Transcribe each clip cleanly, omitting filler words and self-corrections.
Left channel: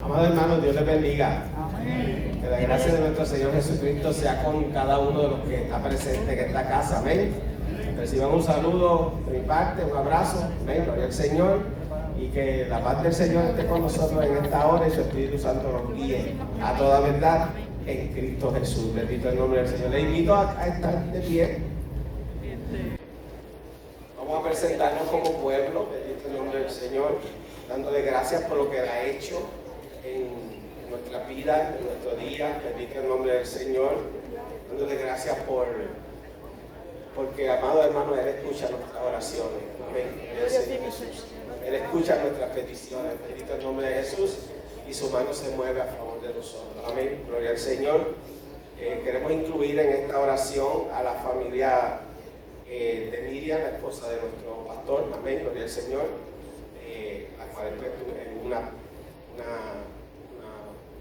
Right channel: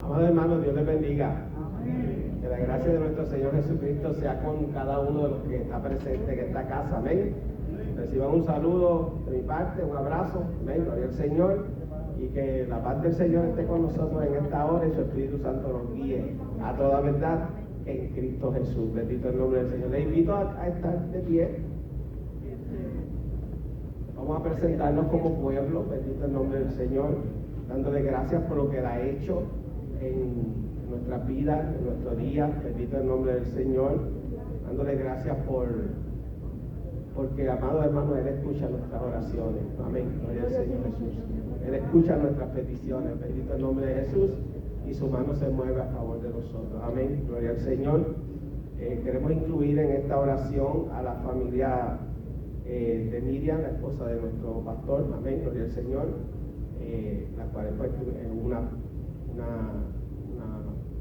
Amados hermanos, Dios les bendiga. Amén. Que la gracia de nuestro Señor Jesucristo sea con cada uno de los que está presente en esta casa. Amén. Reciban un saludo de mi parte, un abrazo. Amén. Gloria al Señor. Y que la paz del Señor esté con nosotros en esta hora y su Espíritu Santo nos guíe a toda verdad en Cristo Jesús. Bendito el nombre del Señor. Les invito a estar de pie. Vamos a presentarnos como pueblo. Bendito el nombre del Señor. Dándole gracias por lo que Él ha hecho en nuestra vida, en nuestro día. Bendito el nombre del Señor. Dándole gracias porque, amado hermano, Él escucha nuestras oraciones. Amén. Gloria al Señor Jesús. Él escucha nuestras peticiones. Bendito el nombre de Jesús. Y su mano se mueve a favor de nosotros. Amén. Gloria al Señor. Queremos incluir en esta oración a la familia de Miriam, la esposa de nuestro pastor. Amén. Gloria al Señor. La cual pues una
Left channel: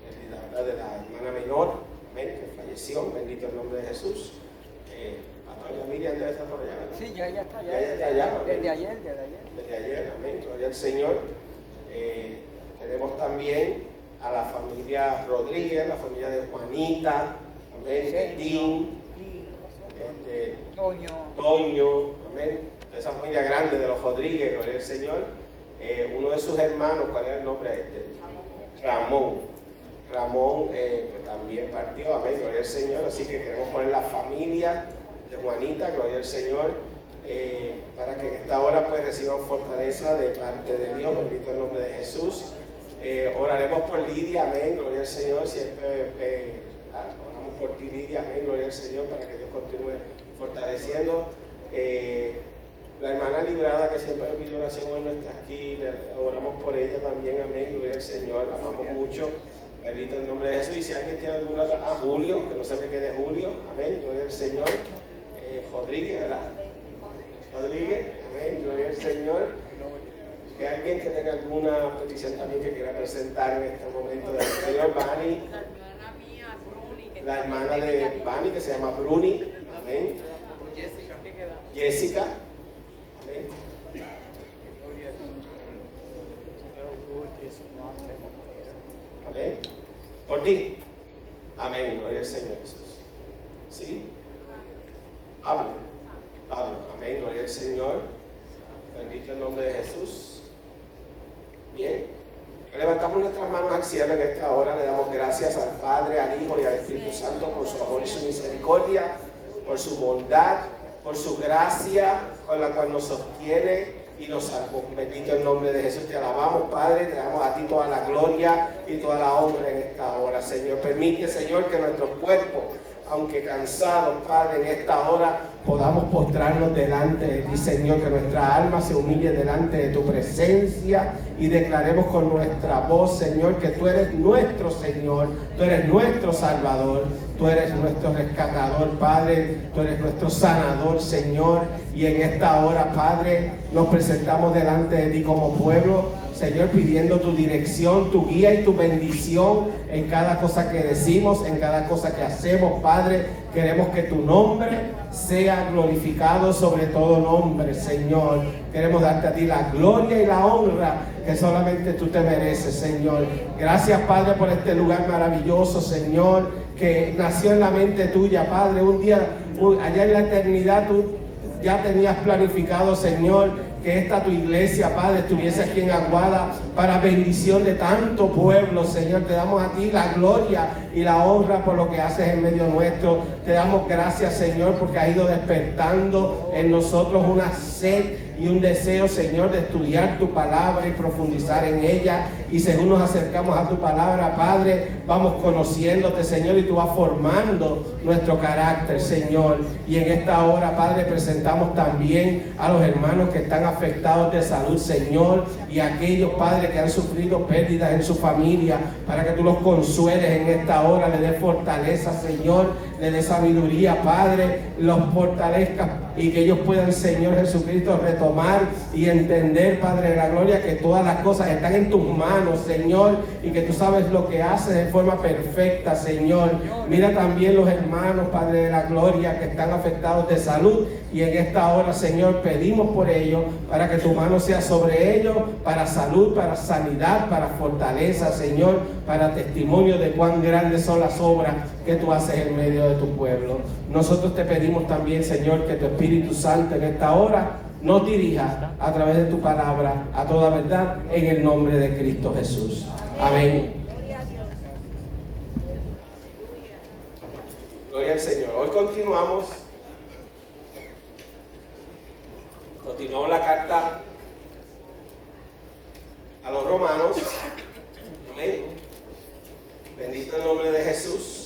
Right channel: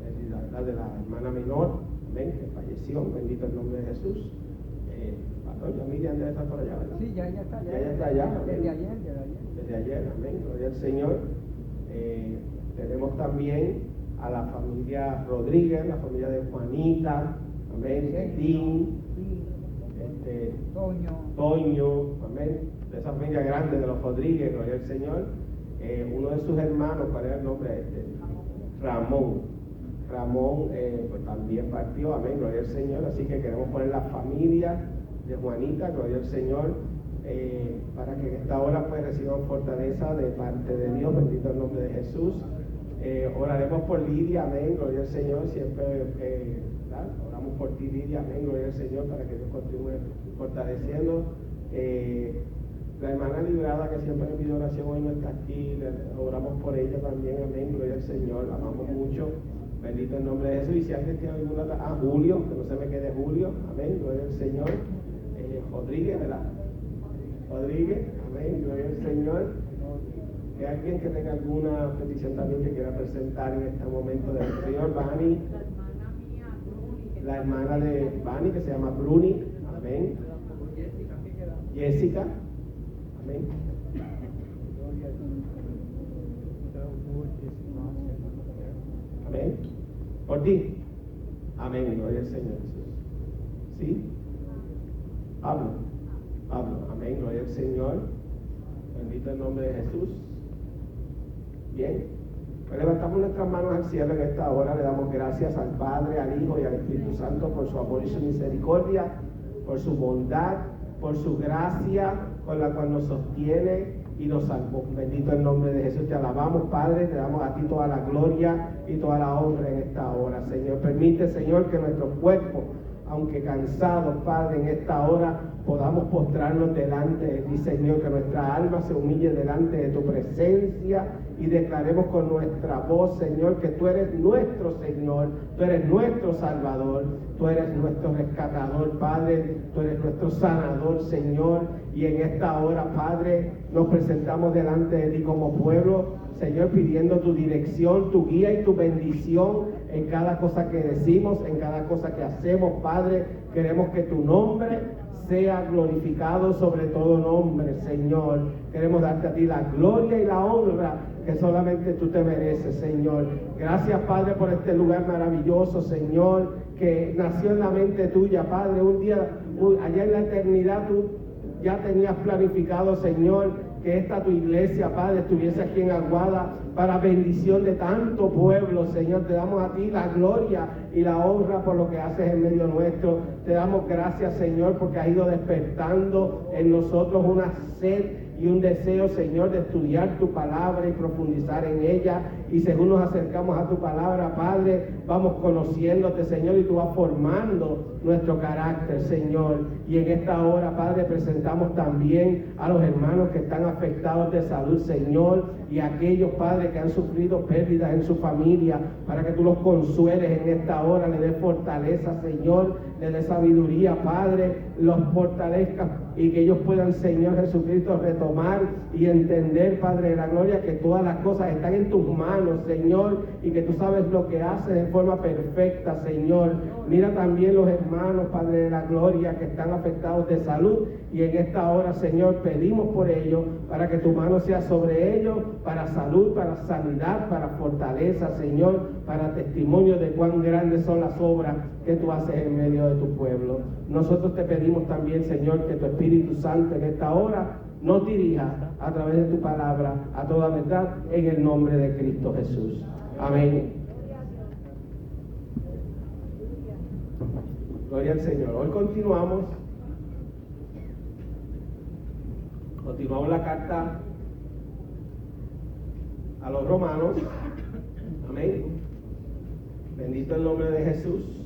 pérdida, ¿verdad?, de la hermana menor, amén, que falleció. Bendito el nombre de Jesús. Pastor, ya Miriam debe estar por allá, ¿verdad? Sí, ya está allá. Ya está allá. Desde ayer. Desde ayer, amén. Gloria al Señor. Tenemos también a la familia Rodríguez, la familia de Juanita, amén, de Dean, Toño, amén. De esa familia grande de los Rodríguez, gloria al Señor. Uno de sus hermanos, ¿cuál era el nombre? Ramón pues también partió, amén, gloria al Señor. Así que queremos poner la familia de Juanita, gloria al Señor, para que en esta hora pues reciban fortaleza de parte de Dios. Bendito el nombre de Jesús. Oraremos por Lidia, amén, gloria al Señor. Siempre oramos por ti, Lidia, amén, gloria al Señor, para que Dios continúe fortaleciendo. La hermana Librada, que siempre me pide oración, hoy no está aquí, oramos por ella también, amén, gloria al Señor, la amamos mucho, bendito el nombre de Jesús. Y si alguien tiene alguna otra, Julio, que no se me quede Julio, amén, gloria al Señor. Rodríguez, ¿verdad? Rodríguez, amén, gloria al Señor. Que alguien que tenga alguna petición también que quiera presentar en este momento del Señor. Bani, la hermana de Bani, que se llama Bruni, amén. Jessica. Amén. Amén. Por ti. Amén. Gloria al Señor Jesús. ¿Sí? Pablo. Amén. Gloria al Señor. Bendito el nombre de Jesús. Bien. Levantamos nuestras manos al cielo en esta hora. Le damos gracias al Padre, al Hijo y al Espíritu Santo por su amor y su misericordia, por su bondad, por su gracia con la cual nos sostiene y nos salvó. Bendito el nombre de Jesús. Te alabamos, Padre, te damos a ti toda la gloria y toda la honra en esta hora, Señor. Permite, Señor, que nuestros cuerpos, aunque cansados, Padre, en esta hora podamos postrarnos delante de ti, Señor, que nuestra alma se humille delante de tu presencia y declaremos con nuestra voz, Señor, que tú eres nuestro Señor, tú eres nuestro Salvador, tú eres nuestro rescatador, Padre, tú eres nuestro sanador, Señor. Y en esta hora, Padre, nos presentamos delante de ti como pueblo, Señor, pidiendo tu dirección, tu guía y tu bendición en cada cosa que decimos, en cada cosa que hacemos, Padre. Queremos que tu nombre sea glorificado sobre todo nombre, Señor. Queremos darte a ti la gloria y la honra que solamente tú te mereces, Señor. Gracias, Padre, por este lugar maravilloso, Señor, que nació en la mente tuya, Padre. Un día, allá en la eternidad, tú ya tenías planificado, Señor, que esta tu iglesia, Padre, estuviese aquí en Aguada para bendición de tanto pueblo, Señor. Te damos a ti la gloria y la honra por lo que haces en medio nuestro. Te damos gracias, Señor, porque has ido despertando en nosotros una sed y un deseo, Señor, de estudiar tu palabra y profundizar en ella. Y según nos acercamos a tu palabra, Padre, vamos conociéndote, Señor, y tú vas formando nuestro carácter, Señor. Y en esta hora, Padre, presentamos también a los hermanos que están afectados de salud, Señor, y a aquellos, Padre, que han sufrido pérdidas en su familia, para que tú los consueles en esta hora, le des fortaleza, Señor, le des sabiduría, Padre, los fortalezcas y que ellos puedan, Señor Jesucristo, retomar y entender, Padre de la gloria, que todas las cosas están en tus manos. manos, Señor, y que tú sabes lo que haces de forma perfecta, Señor. Mira también los hermanos, Padre de la gloria, que están afectados de salud, y en esta hora, Señor, pedimos por ellos, para que tu mano sea sobre ellos, para salud, para sanidad, para fortaleza, Señor, para testimonio de cuán grandes son las obras que tú haces en medio de tu pueblo. Nosotros te pedimos también, Señor, que tu Espíritu Santo en esta hora nos dirija a través de tu palabra a toda verdad, en el nombre de Cristo Jesús. Amén. Gloria al Señor. Hoy continuamos la carta a los romanos. Amén. Bendito el nombre de Jesús.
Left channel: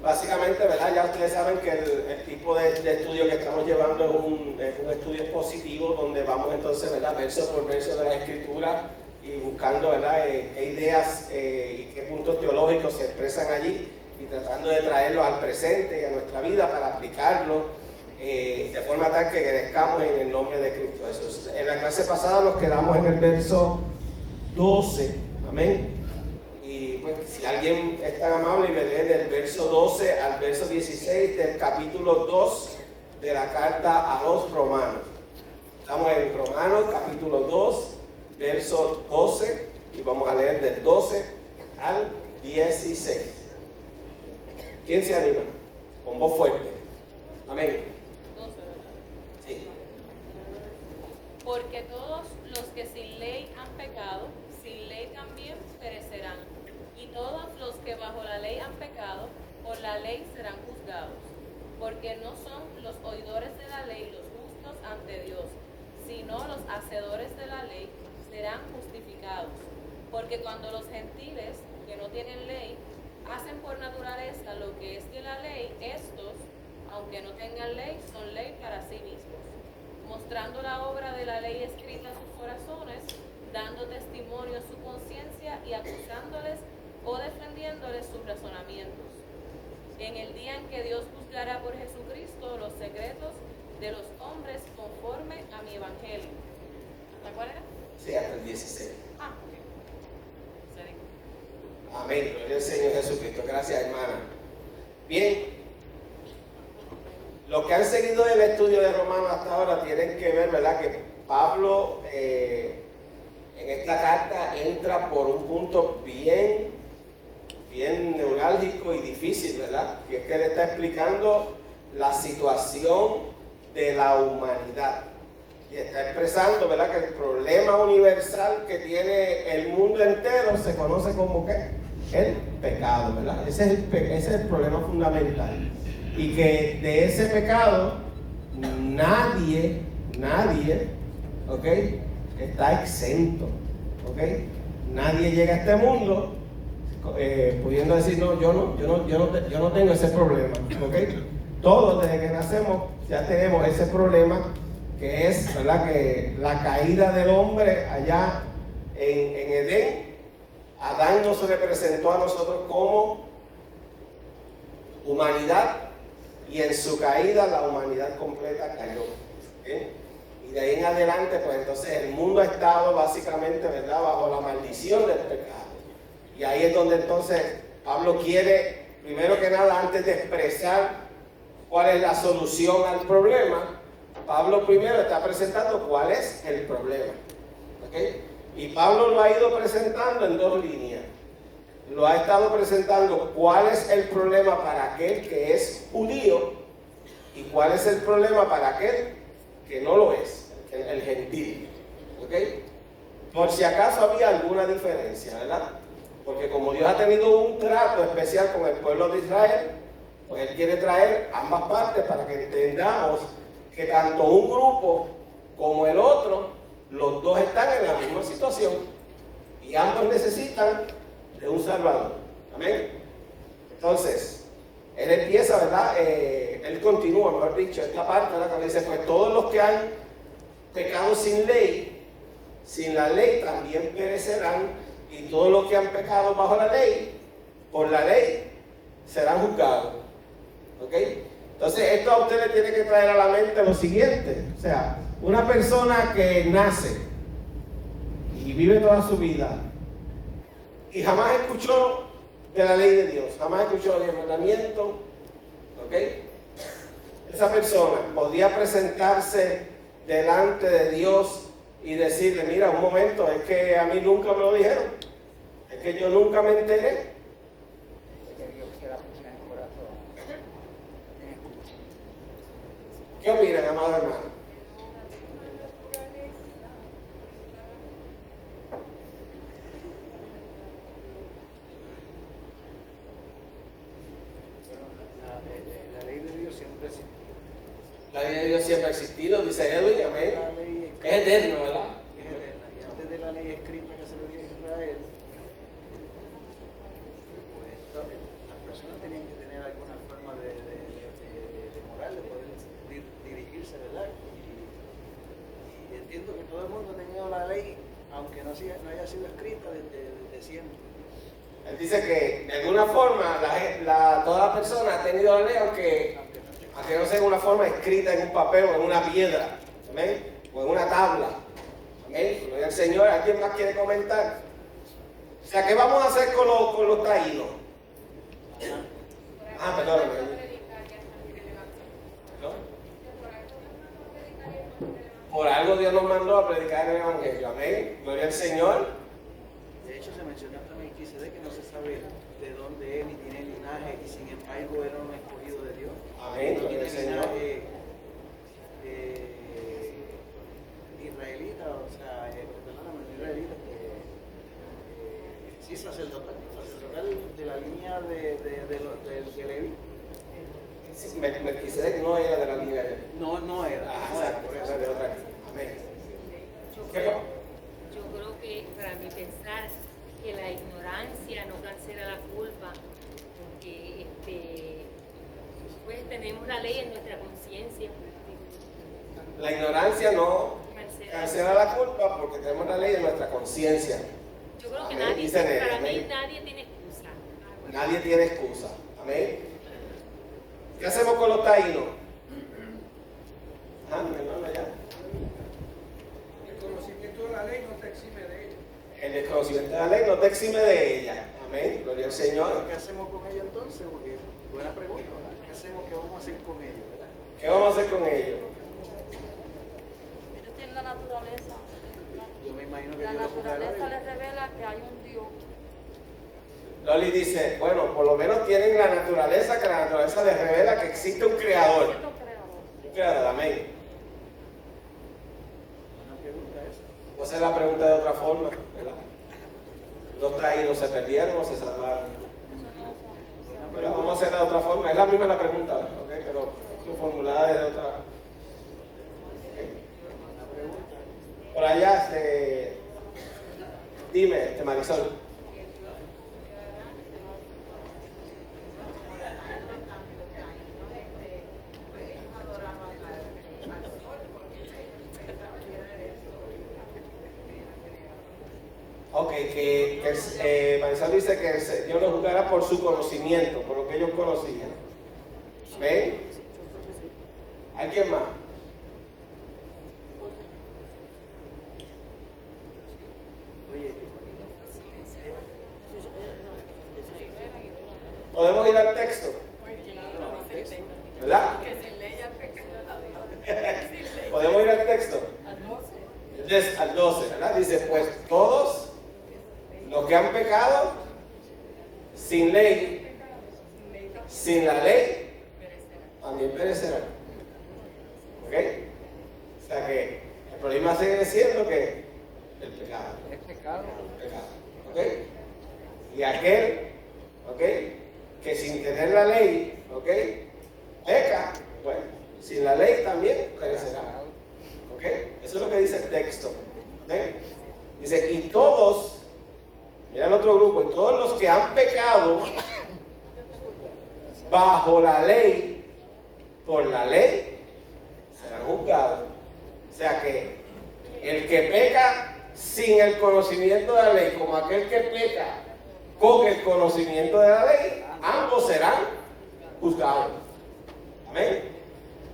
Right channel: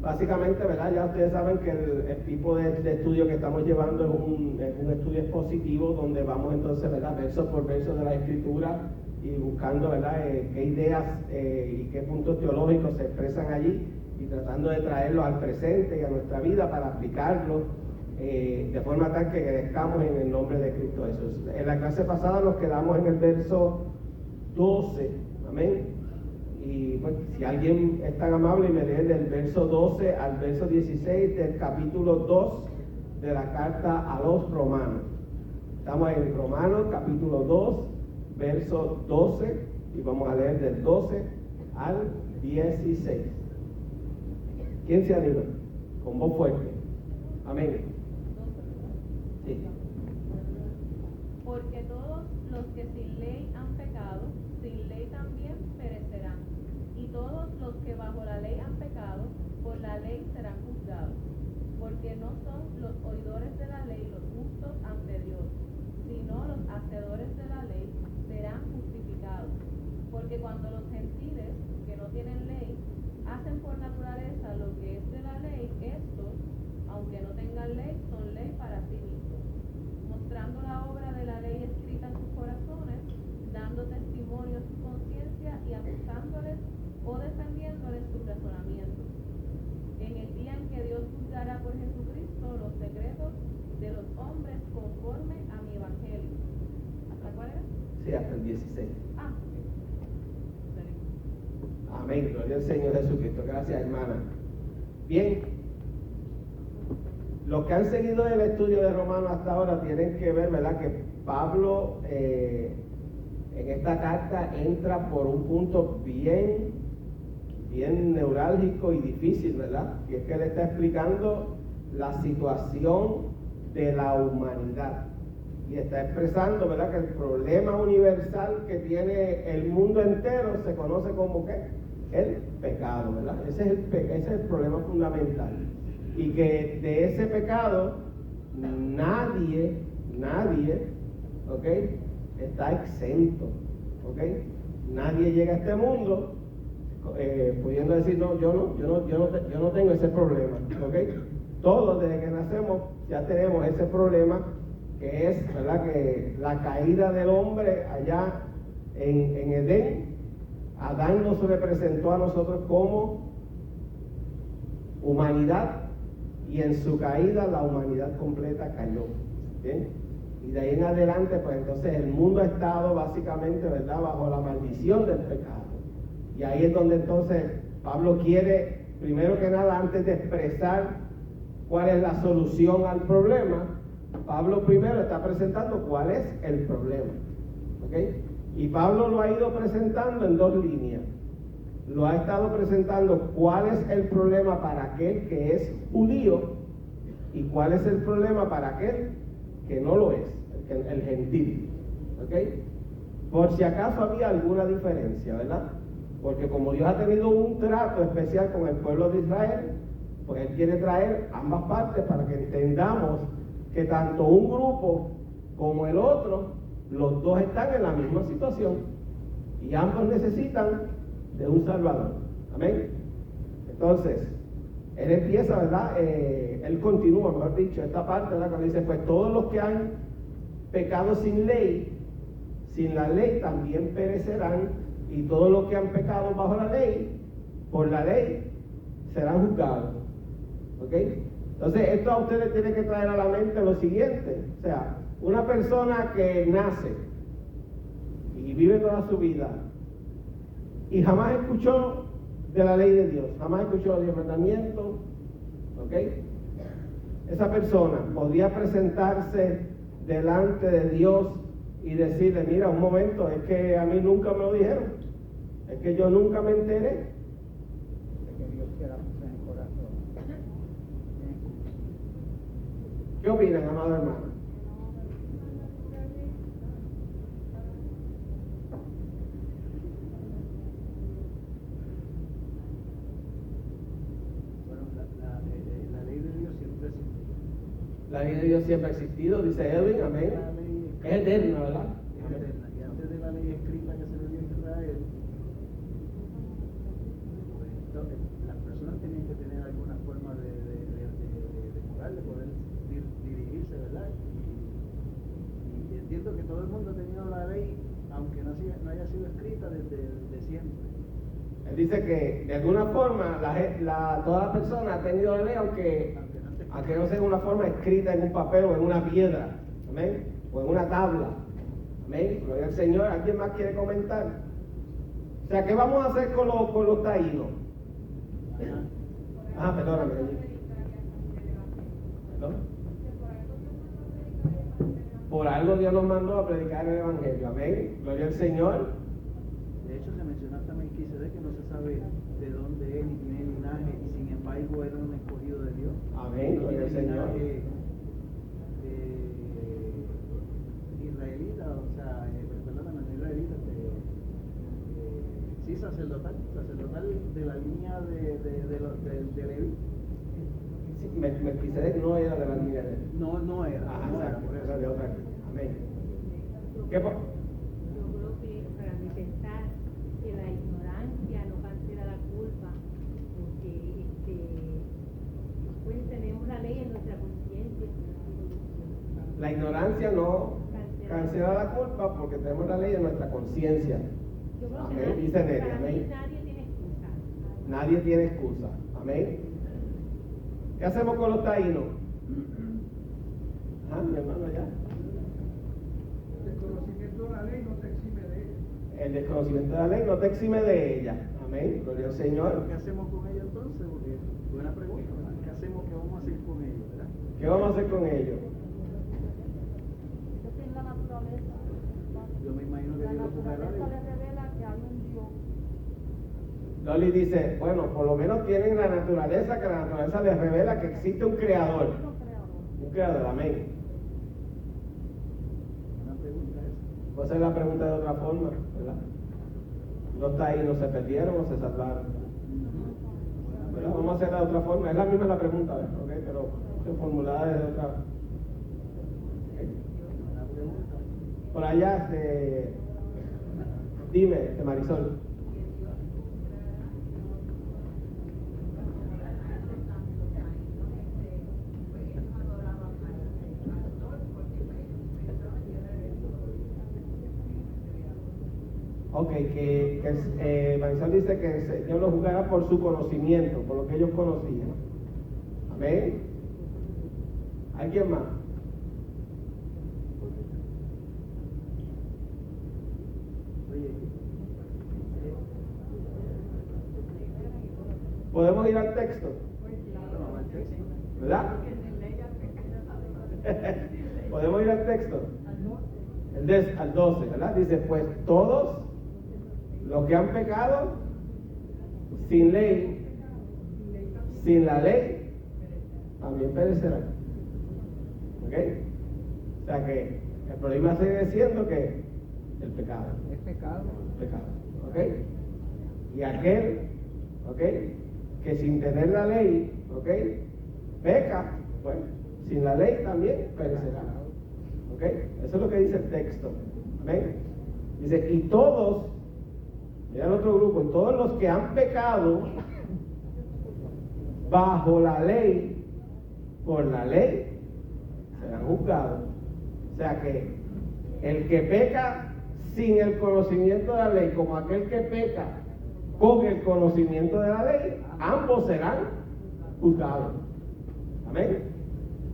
Básicamente, ¿verdad? Ya ustedes saben que el tipo de estudio que estamos llevando es un estudio expositivo, donde vamos entonces, ¿verdad?, verso por verso de la Escritura, y buscando, ¿verdad?, qué ideas y qué puntos teológicos se expresan allí, y tratando de traerlos al presente y a nuestra vida para aplicarlos de forma tal que crezcamos en el nombre de Cristo Jesús. En la clase pasada nos quedamos en el verso 12, amén. Y pues, si alguien es tan amable y me lee del verso 12 al verso 16 del capítulo 2 de la carta a los romanos. Estamos en Romanos capítulo 2, verso 12, y vamos a leer del 12 al 16. ¿Quién se anima? Con voz fuerte. Amén. 12, ¿verdad? Sí. Porque todos los que sin ley han pecado, sin ley también perecerán. Y todos los que bajo la ley han pecado, por la ley serán juzgados. Porque no son los oidores de la ley los justos ante Dios, sino los hacedores de la ley serán justificados. Porque cuando los gentiles, que no tienen ley, hacen por naturaleza lo que es de la ley, estos, aunque no tengan ley, son ley para sí mismos, mostrando la obra de la ley escrita en sus corazones, dando testimonio a su conciencia y acusándoles o defendiéndoles sus razonamientos. En el día en que Dios juzgará por Jesucristo los secretos de los hombres conforme a mi evangelio. ¿Hasta cuál era? Sí, hasta el 16. Ah, ok. Amén. Gloria al Señor Jesucristo. Gracias, hermana. Bien. Los que han seguido el estudio de Romanos hasta ahora tienen que ver, ¿verdad?, que Pablo en esta carta entra por un punto bien neurálgico y difícil, ¿verdad? Que es que él está explicando la situación de la humanidad. Y está expresando, ¿verdad?, que el problema universal que tiene el mundo entero se conoce como ¿qué? El pecado, ¿verdad? Ese es el problema fundamental. Y que de ese pecado nadie, ¿ok?, está exento, ¿ok? Nadie llega a este mundo pudiendo decir, no, yo no tengo ese problema, ¿ok? Todos desde que nacemos ya tenemos ese problema, que es, ¿verdad?, que la caída del hombre allá en Edén. Adán nos representó a nosotros como humanidad, y en su caída la humanidad completa cayó. ¿Bien? Y de ahí en adelante, pues entonces el mundo ha estado básicamente, ¿verdad?, bajo la maldición del pecado. Y ahí es donde entonces Pablo quiere, primero que nada, antes de expresar cuál es la solución al problema, Pablo primero está presentando cuál es el problema. ¿Ok? Y Pablo lo ha ido presentando en dos líneas. Lo ha estado presentando cuál es el problema para aquel que es judío y cuál es el problema para aquel que no lo es, el gentil. ¿Ok? Por si acaso había alguna diferencia, ¿verdad? Porque como Dios ha tenido un trato especial con el pueblo de Israel, pues Él quiere traer ambas partes para que entendamos que tanto un grupo como el otro, los dos están en la misma situación y ambos necesitan de un Salvador. Amén. Entonces, él empieza, ¿verdad? Él continúa, mejor dicho, esta parte, ¿verdad?, que dice, pues todos los que han pecado sin ley, sin la ley también perecerán, y todos los que han pecado bajo la ley, por la ley, serán juzgados. ¿Ok? Entonces, esto a usted le tiene que traer a la mente lo siguiente. O sea, una persona que nace y vive toda su vida y jamás escuchó de la ley de Dios, jamás escuchó el mandamiento, ¿ok? Esa persona podría presentarse delante de Dios y decirle, mira, un momento, es que a mí nunca me lo dijeron, es que yo nunca me enteré. ¿Qué opinan, amados hermanos? La ley de Dios siempre existe. La ley de Dios siempre ha existido, dice Edwin, amén. La ley Es eterno, ¿verdad? es eterna. Y antes de la ley escrita que se le dio a Israel, pues las personas tenían que tener alguna forma de moral, de poder dirigirse, ¿verdad? Y entiendo que todo el mundo ha tenido la ley, aunque no haya sido escrita desde siempre. Él dice que de alguna forma toda la persona ha tenido la ley, aunque no sea en una forma escrita en un papel o en una piedra, amén, o en una tabla, amén. Gloria al Señor. ¿Alguien más quiere comentar? O sea, ¿qué vamos a hacer con los taínos? Perdóname. ¿Perdón? Por algo Dios nos mandó a predicar el Evangelio, amén. Gloria al Señor. De hecho, se mencionó hasta Melquisedec, que no se sabe de dónde es ni tiene linaje, y sin embargo era un escogido de Dios. Amén, No gloria al tiene Señor. linaje israelita, o sea, perdóname, no israelita, sí, sacerdotal de la línea de Leví. Sí, Melquisedec no era de la línea de... No era. Exacto, Por eso. era de otra línea. Amén. ¿Qué Yo creo que para mí pensar que la ignorancia no cancela la culpa, porque pues tenemos la ley en nuestra conciencia. La ignorancia no cancela la culpa porque tenemos la ley en nuestra conciencia. Yo creo que Amén. Dice Neri, para mí amén. nadie tiene excusa. Nadie tiene excusa. Amén. ¿Qué hacemos con los taínos? Mi hermano allá. El conocimiento de la ley no te exime de ella. El desconocimiento de la ley no te exime de ella. Amén. Gloria al Señor. ¿Qué hacemos con ella entonces? Porque buena pregunta, ¿verdad? ¿Qué hacemos? ¿Qué vamos a hacer con ella, verdad? ¿Qué vamos a hacer con ellos? Ellos tienen la naturaleza. Yo me imagino que La Dios lo juzgará. naturaleza les revela que hay un Dios. Loli dice, bueno, por lo menos tienen la naturaleza, que la naturaleza les revela que existe un creador. Cierto creador. Un creador, amén. Una pregunta esa. Voy a hacer la pregunta de otra forma, ¿verdad? ¿Los taínos se perdieron o se salvaron? ¿Verdad? Vamos a hacerla de otra forma. Es la misma la pregunta, ¿ok? Pero formulada desde otra. ¿Okay? Una pregunta. Por allá, dime, Marisol. Ok, Marisol dice que el Señor los juzgará por su conocimiento, por lo que ellos conocían. ¿Ven? ¿Alguien más? Oye, Podemos ir al texto, ¿verdad? Podemos ir al texto. Al 12, ¿verdad? Dice, pues todos los que han pecado sin ley, sin la ley, también perecerán. ¿Ok? O sea que el problema sigue siendo que el pecado. Es pecado. El pecado. ¿Ok? Y aquel, ¿ok? Que sin tener la ley, ¿ok? Peca, pues sin la ley también perecerá. ¿Ok? Eso es lo que dice el texto. ¿Ven? Dice, y todos, mira el otro grupo, y todos los que han pecado bajo la ley, por la ley, serán juzgados. O sea que el que peca sin el conocimiento de la ley, como aquel que peca con el conocimiento de la ley, ambos serán juzgados. Amén.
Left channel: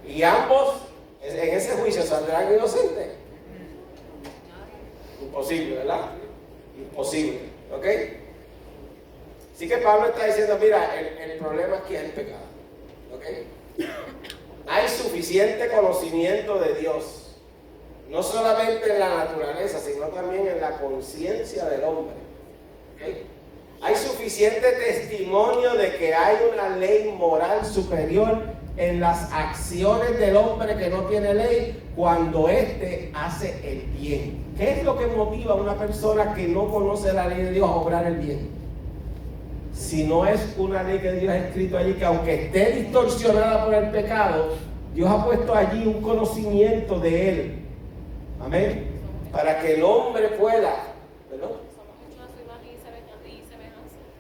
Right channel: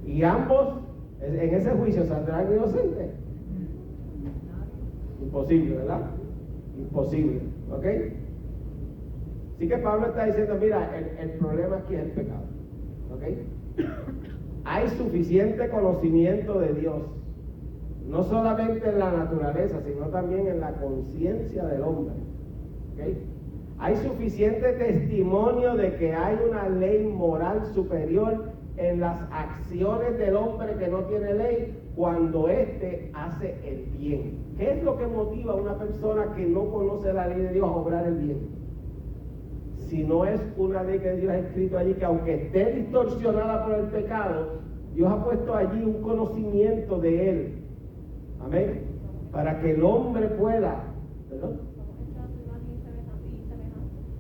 Y ambos en ese juicio saldrán inocentes. Imposible, ¿verdad? Imposible, ¿ok? Así que Pablo está diciendo, mira, el problema aquí es el pecado, ¿ok? Hay suficiente conocimiento de Dios, no solamente en la naturaleza, sino también en la conciencia del hombre, ¿ok? Hay suficiente testimonio de que hay una ley moral superior en las acciones del hombre que no tiene ley cuando éste hace el bien. ¿Qué es lo que motiva a una persona que no conoce la ley de Dios a obrar el bien? Si no es una ley que Dios ha escrito allí, que aunque esté distorsionada por el pecado, Dios ha puesto allí un conocimiento de Él. Amén. Para que el hombre pueda, ¿perdón?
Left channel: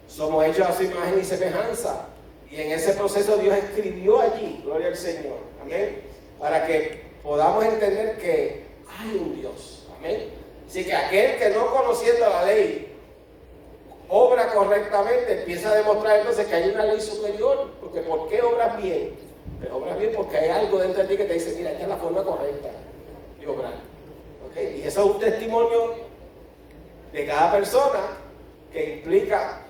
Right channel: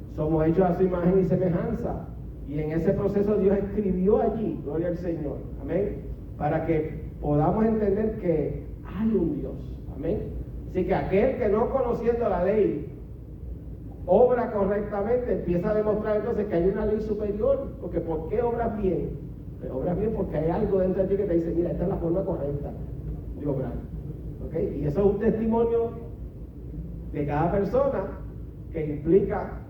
Somos hechos a su imagen y semejanza. Y en ese proceso Dios escribió allí, gloria al Señor. Amén. Para que podamos entender que hay un Dios. Amén. Así que aquel que no conociendo la ley obra correctamente, empieza a demostrar entonces que hay una ley superior. Porque ¿por qué obras bien? Pues obras bien porque hay algo dentro de ti que te dice, mira, esta es la forma correcta de obrar. ¿Okay? Y eso es un testimonio de cada persona que implica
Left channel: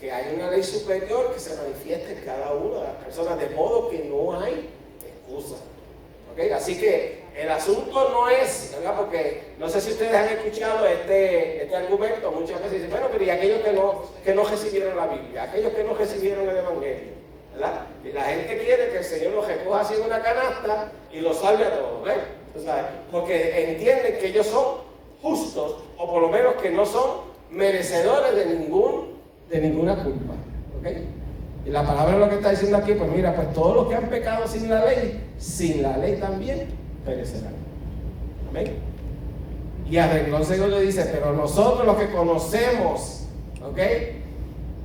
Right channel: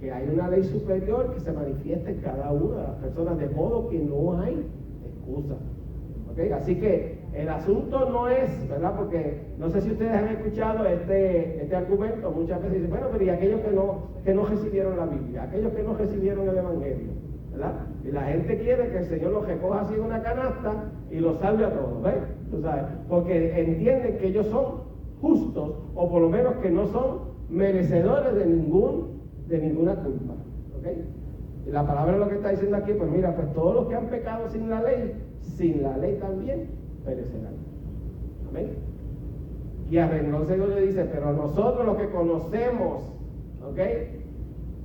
que hay una ley superior que se manifiesta en cada una de las personas, de modo que no hay excusa. ¿Okay? Así que el asunto no es, ¿verdad? Porque no sé si ustedes han escuchado este argumento, muchas veces dicen, bueno, pero y aquellos que no recibieron la Biblia, aquellos que no recibieron el Evangelio, ¿verdad? Y la gente quiere que el Señor los recoja así en una canasta y los salve a todos, ¿ves? ¿Tú sabes? Porque entienden que ellos son justos, o por lo menos que no son merecedores de ninguna culpa, ¿ok? Y la palabra lo que está diciendo aquí, pues mira, pues todos los que han pecado sin la ley también perecerán. Amén. Y a renglón segundo dice, pero nosotros los que conocemos, ¿ok?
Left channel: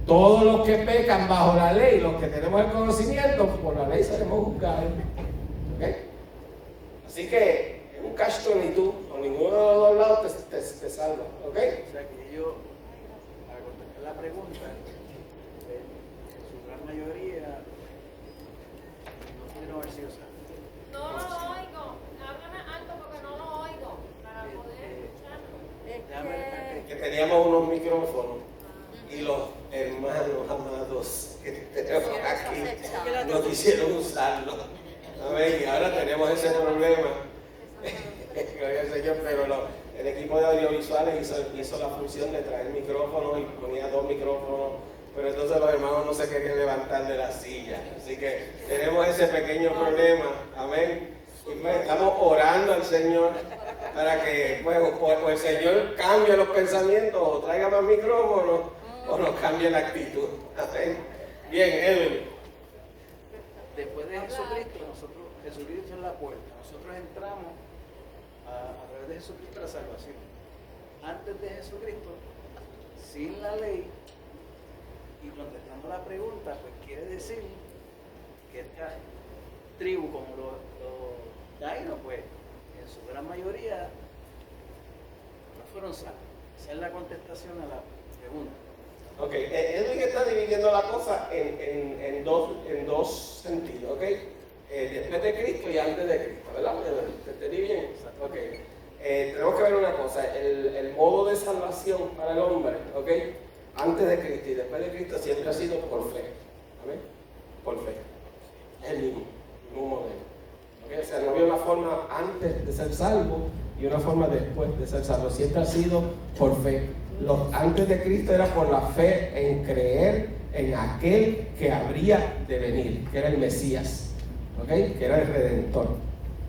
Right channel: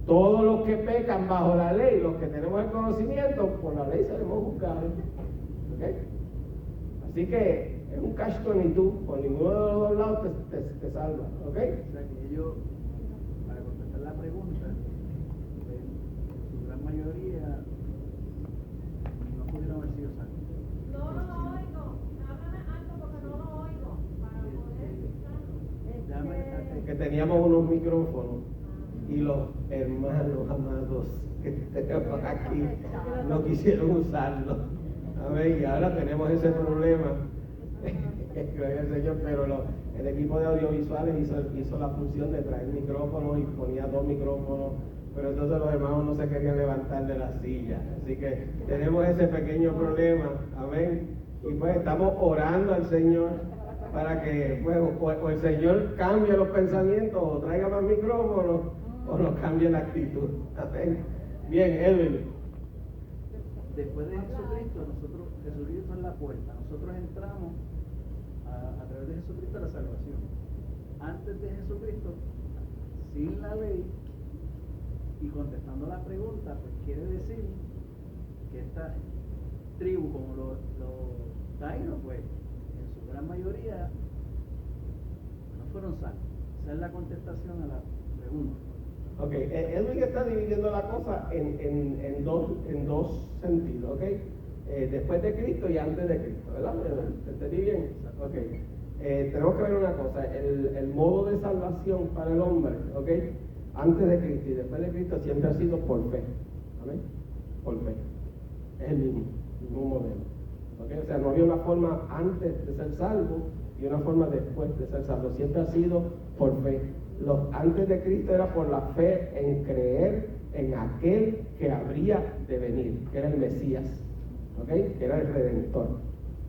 Todos los que pecan bajo la ley, los que tenemos el conocimiento, por la ley seremos juzgados, ¿ok? Así que es un catch-22, por ninguno de los dos lados te salva, ¿ok? O sea que ellos, para contestar la pregunta, en su gran mayoría no pudieron haber sido salvos. No lo oigo. Háblame alto porque no lo oigo. Para poder escuchar. Que teníamos unos micrófonos y los hermanos amados que tenemos aquí no quisieron usarlo. Amén. Y ahora tenemos ese problema. Gloria al Señor, pero el equipo de audiovisuales hizo la función de traer micrófonos y ponía 2 micrófonos, pero entonces los hermanos no se querían levantar de la silla. Así que tenemos ese pequeño problema. Amén. Y pues estamos orando al Señor para que pues, o el Señor cambie los pensamientos o traiga más micrófonos o nos cambie la actitud. Amén. Bien, Edwin. Después de Jesucristo, Jesucristo es la puerta. Nosotros entramos a través de Jesucristo a la salvación. Antes de Jesucristo, sin la ley, y contestando la pregunta, pues quiere decir que esta tribu, como los taínos, pues en su gran mayoría no fueron salvos. Esa es la contestación a la pregunta. Ok, Edwin está dividiendo la cosa en dos sentidos, ok. Después de Cristo y antes de Cristo, ¿verdad? ¿Te entendí bien? Ok. Tenemos que ver una cosa, el modo de salvación para el hombre, ok, antes de Cristo y después de Cristo siempre ha sido por fe, ¿amén? Por fe. Es el mismo modelo. ¿Okay? O sea, no había una forma antes de ser salvo y una forma después de ser salvo. Siempre ha sido por fe. Antes de Cristo era por la fe en creer en aquel que habría de venir, que era el Mesías, ¿okay? Que era el Redentor.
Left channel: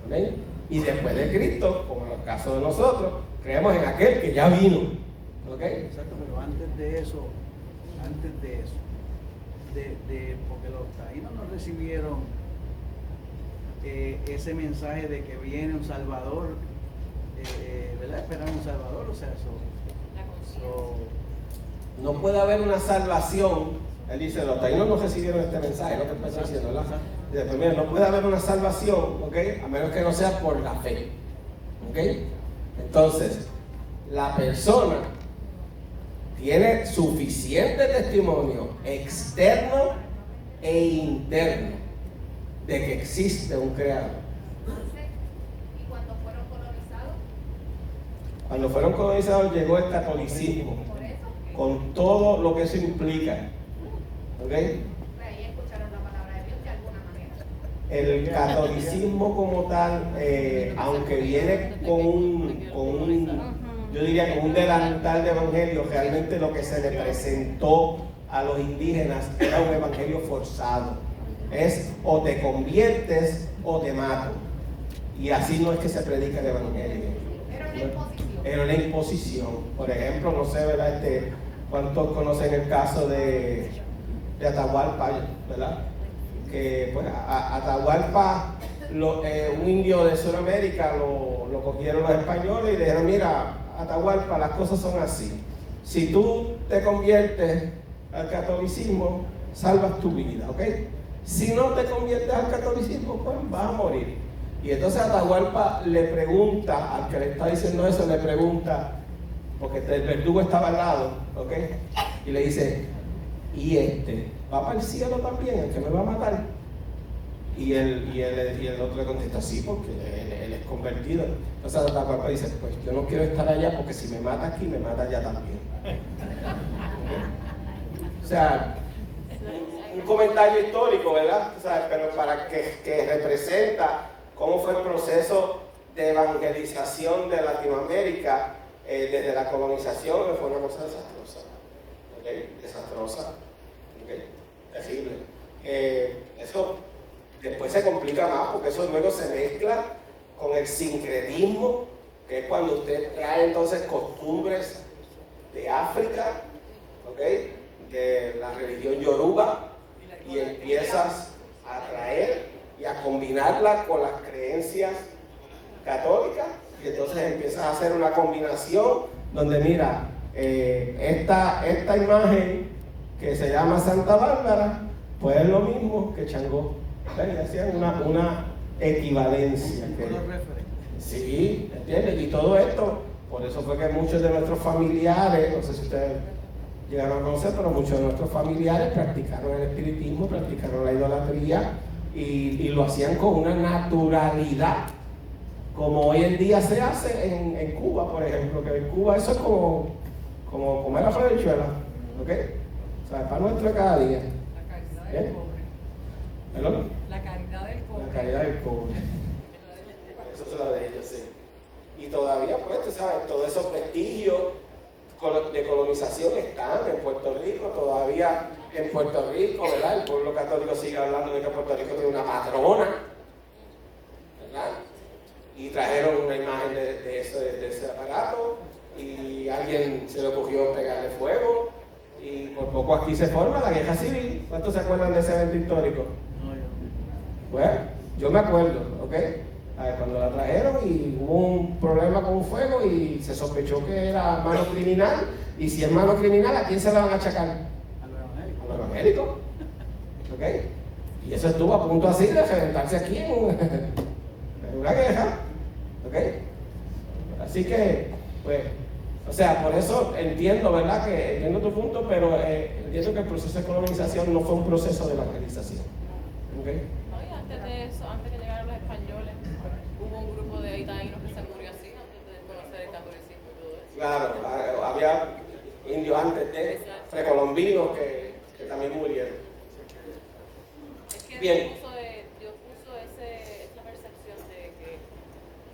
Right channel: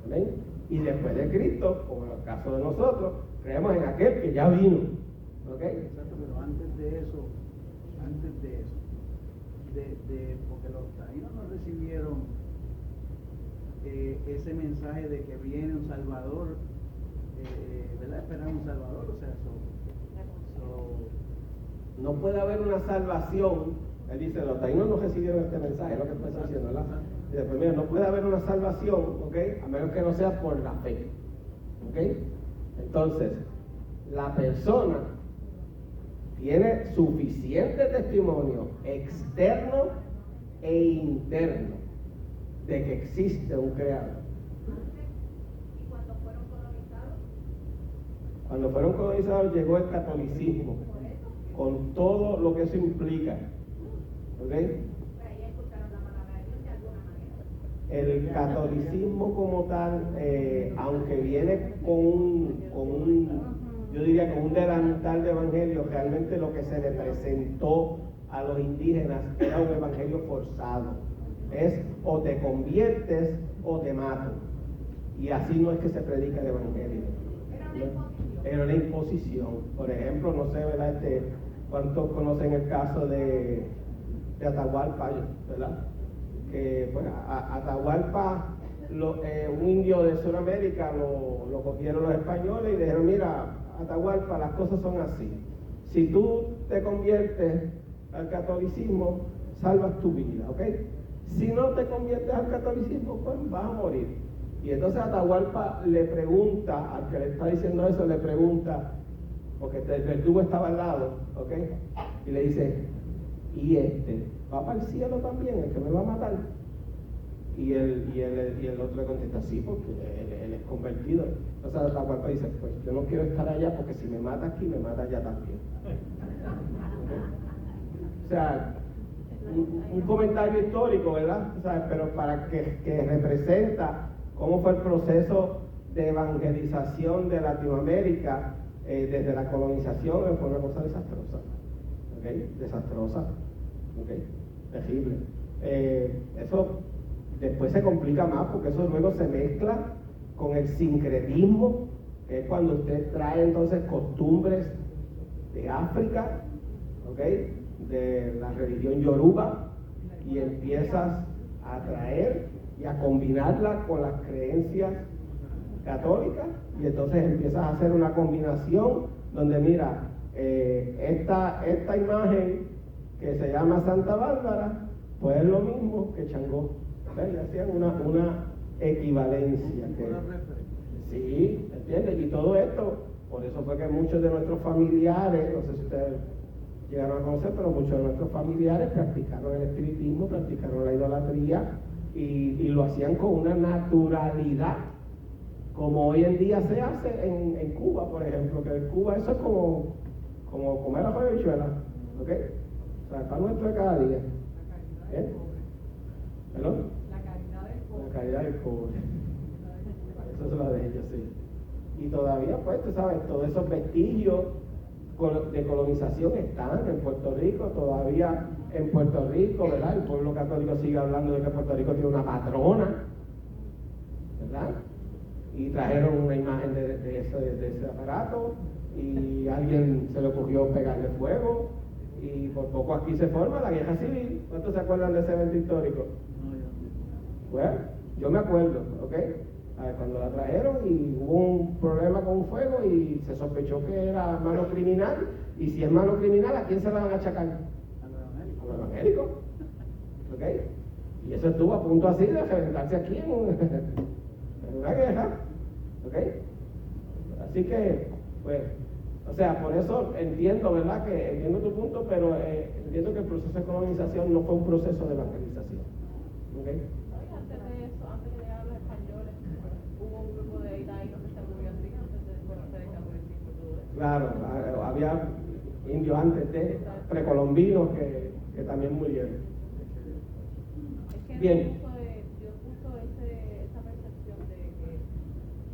¿Okay? Y después de Cristo, como en el caso de nosotros, creemos en aquel que ya vino. ¿Okay? Exacto, pero antes de eso, porque los taínos no recibieron ese mensaje de que viene un Salvador, ¿verdad? Esperan un Salvador, o sea, no puede haber una salvación. Él dice, los taínos no recibieron este mensaje, es lo que empezó diciendo, ¿verdad? Dice, pues mira, no puede haber una salvación, ¿ok? A menos que no sea por la fe, ¿ok? Entonces, la persona tiene suficiente testimonio externo e interno de que existe un creador. ¿Y cuando fueron colonizados? Cuando fueron colonizados llegó el catolicismo, con todo lo que eso implica. ¿Ok? El catolicismo como tal, aunque viene con un, yo diría con un delantal de evangelio, realmente lo que se le presentó a los indígenas era un evangelio forzado. Es o te conviertes o te mato. Y así no es que se predica el evangelio. Era una imposición. Por ejemplo, no sé, ¿verdad? ¿Cuántos conocen el caso de Atahualpa, ¿verdad? Que pues Atahualpa, un indio de Sudamérica, lo cogieron los españoles y le dijeron, mira, Atahualpa, las cosas son así. Si tú te conviertes al catolicismo, salvas tu vida, ¿ok? Si no te conviertes al catolicismo, pues vas a morir. Y entonces Atahualpa le pregunta, al que le está diciendo eso, le pregunta, porque el verdugo estaba al lado, ¿ok? Y le dice, ¿y va para el cielo también, el que me va a matar? Y el otro le contesta, sí, porque él es convertido. Entonces Atahualpa dice, pues yo no quiero estar allá porque si me mata aquí, me mata allá también. O sea, un comentario histórico, ¿verdad? O sea, pero para que representa cómo fue el proceso de evangelización de Latinoamérica desde la colonización, fue una cosa desastrosa. ¿Ok? Desastrosa. ¿Ok? Terrible. Eso después se complica más porque eso luego se mezcla con el sincretismo, que es cuando usted trae entonces costumbres de África, ¿ok? De la religión yoruba, y empiezas a traer y a combinarla con las creencias católicas, y entonces empiezas a hacer una combinación donde mira, esta imagen que se llama Santa Bárbara, pues es lo mismo que Changó. Y hacían una equivalencia. Sí, ¿entiendes? Y todo esto, por eso fue que muchos de nuestros familiares, no sé si ustedes llegaron a conocer, pero muchos de nuestros familiares practicaron el espiritismo, practicaron la idolatría y lo hacían con una naturalidad, como hoy en día se hace en Cuba, por ejemplo, que en Cuba eso es como comer la habichuela, ¿ok? O sea, es para nuestro cada día. ¿Eh? ¿Perdón? La caridad del cobre. La caridad del cobre. Eso es lo de ellos, sí. Y todavía, pues, tú sabes, todos esos vestigios de colonización están en Puerto Rico, todavía en Puerto Rico, ¿verdad? El pueblo católico sigue hablando de que Puerto Rico tiene una patrona, ¿verdad? Y trajeron una imagen de ese aparato y alguien se le ocurrió pegarle fuego y por poco aquí se forma la guerra civil. ¿Cuántos se acuerdan de ese evento histórico? No, yo. Pues, yo me acuerdo, ¿ok? A ver, cuando la trajeron y hubo un problema con un fuego y se sospechó que era mano criminal, y si es mano criminal, ¿a quién se la van a achacar? A los evangélicos. A los evangélicos, ¿ok? Y eso estuvo a punto así de reventarse aquí en una guerra, ¿ok? Así que, pues, o sea, por eso entiendo, ¿verdad? Que entiendo tu punto, pero entiendo que el proceso de colonización no fue un proceso de evangelización, ¿ok? No, y antes de eso, antes que llegaran los españoles, hubo un grupo de taínos que se murió así, antes de conocer el catolicismo y todo eso. Claro, había indios antes de precolombinos que también murieron. Es que Bien. Dios puso esa percepción de que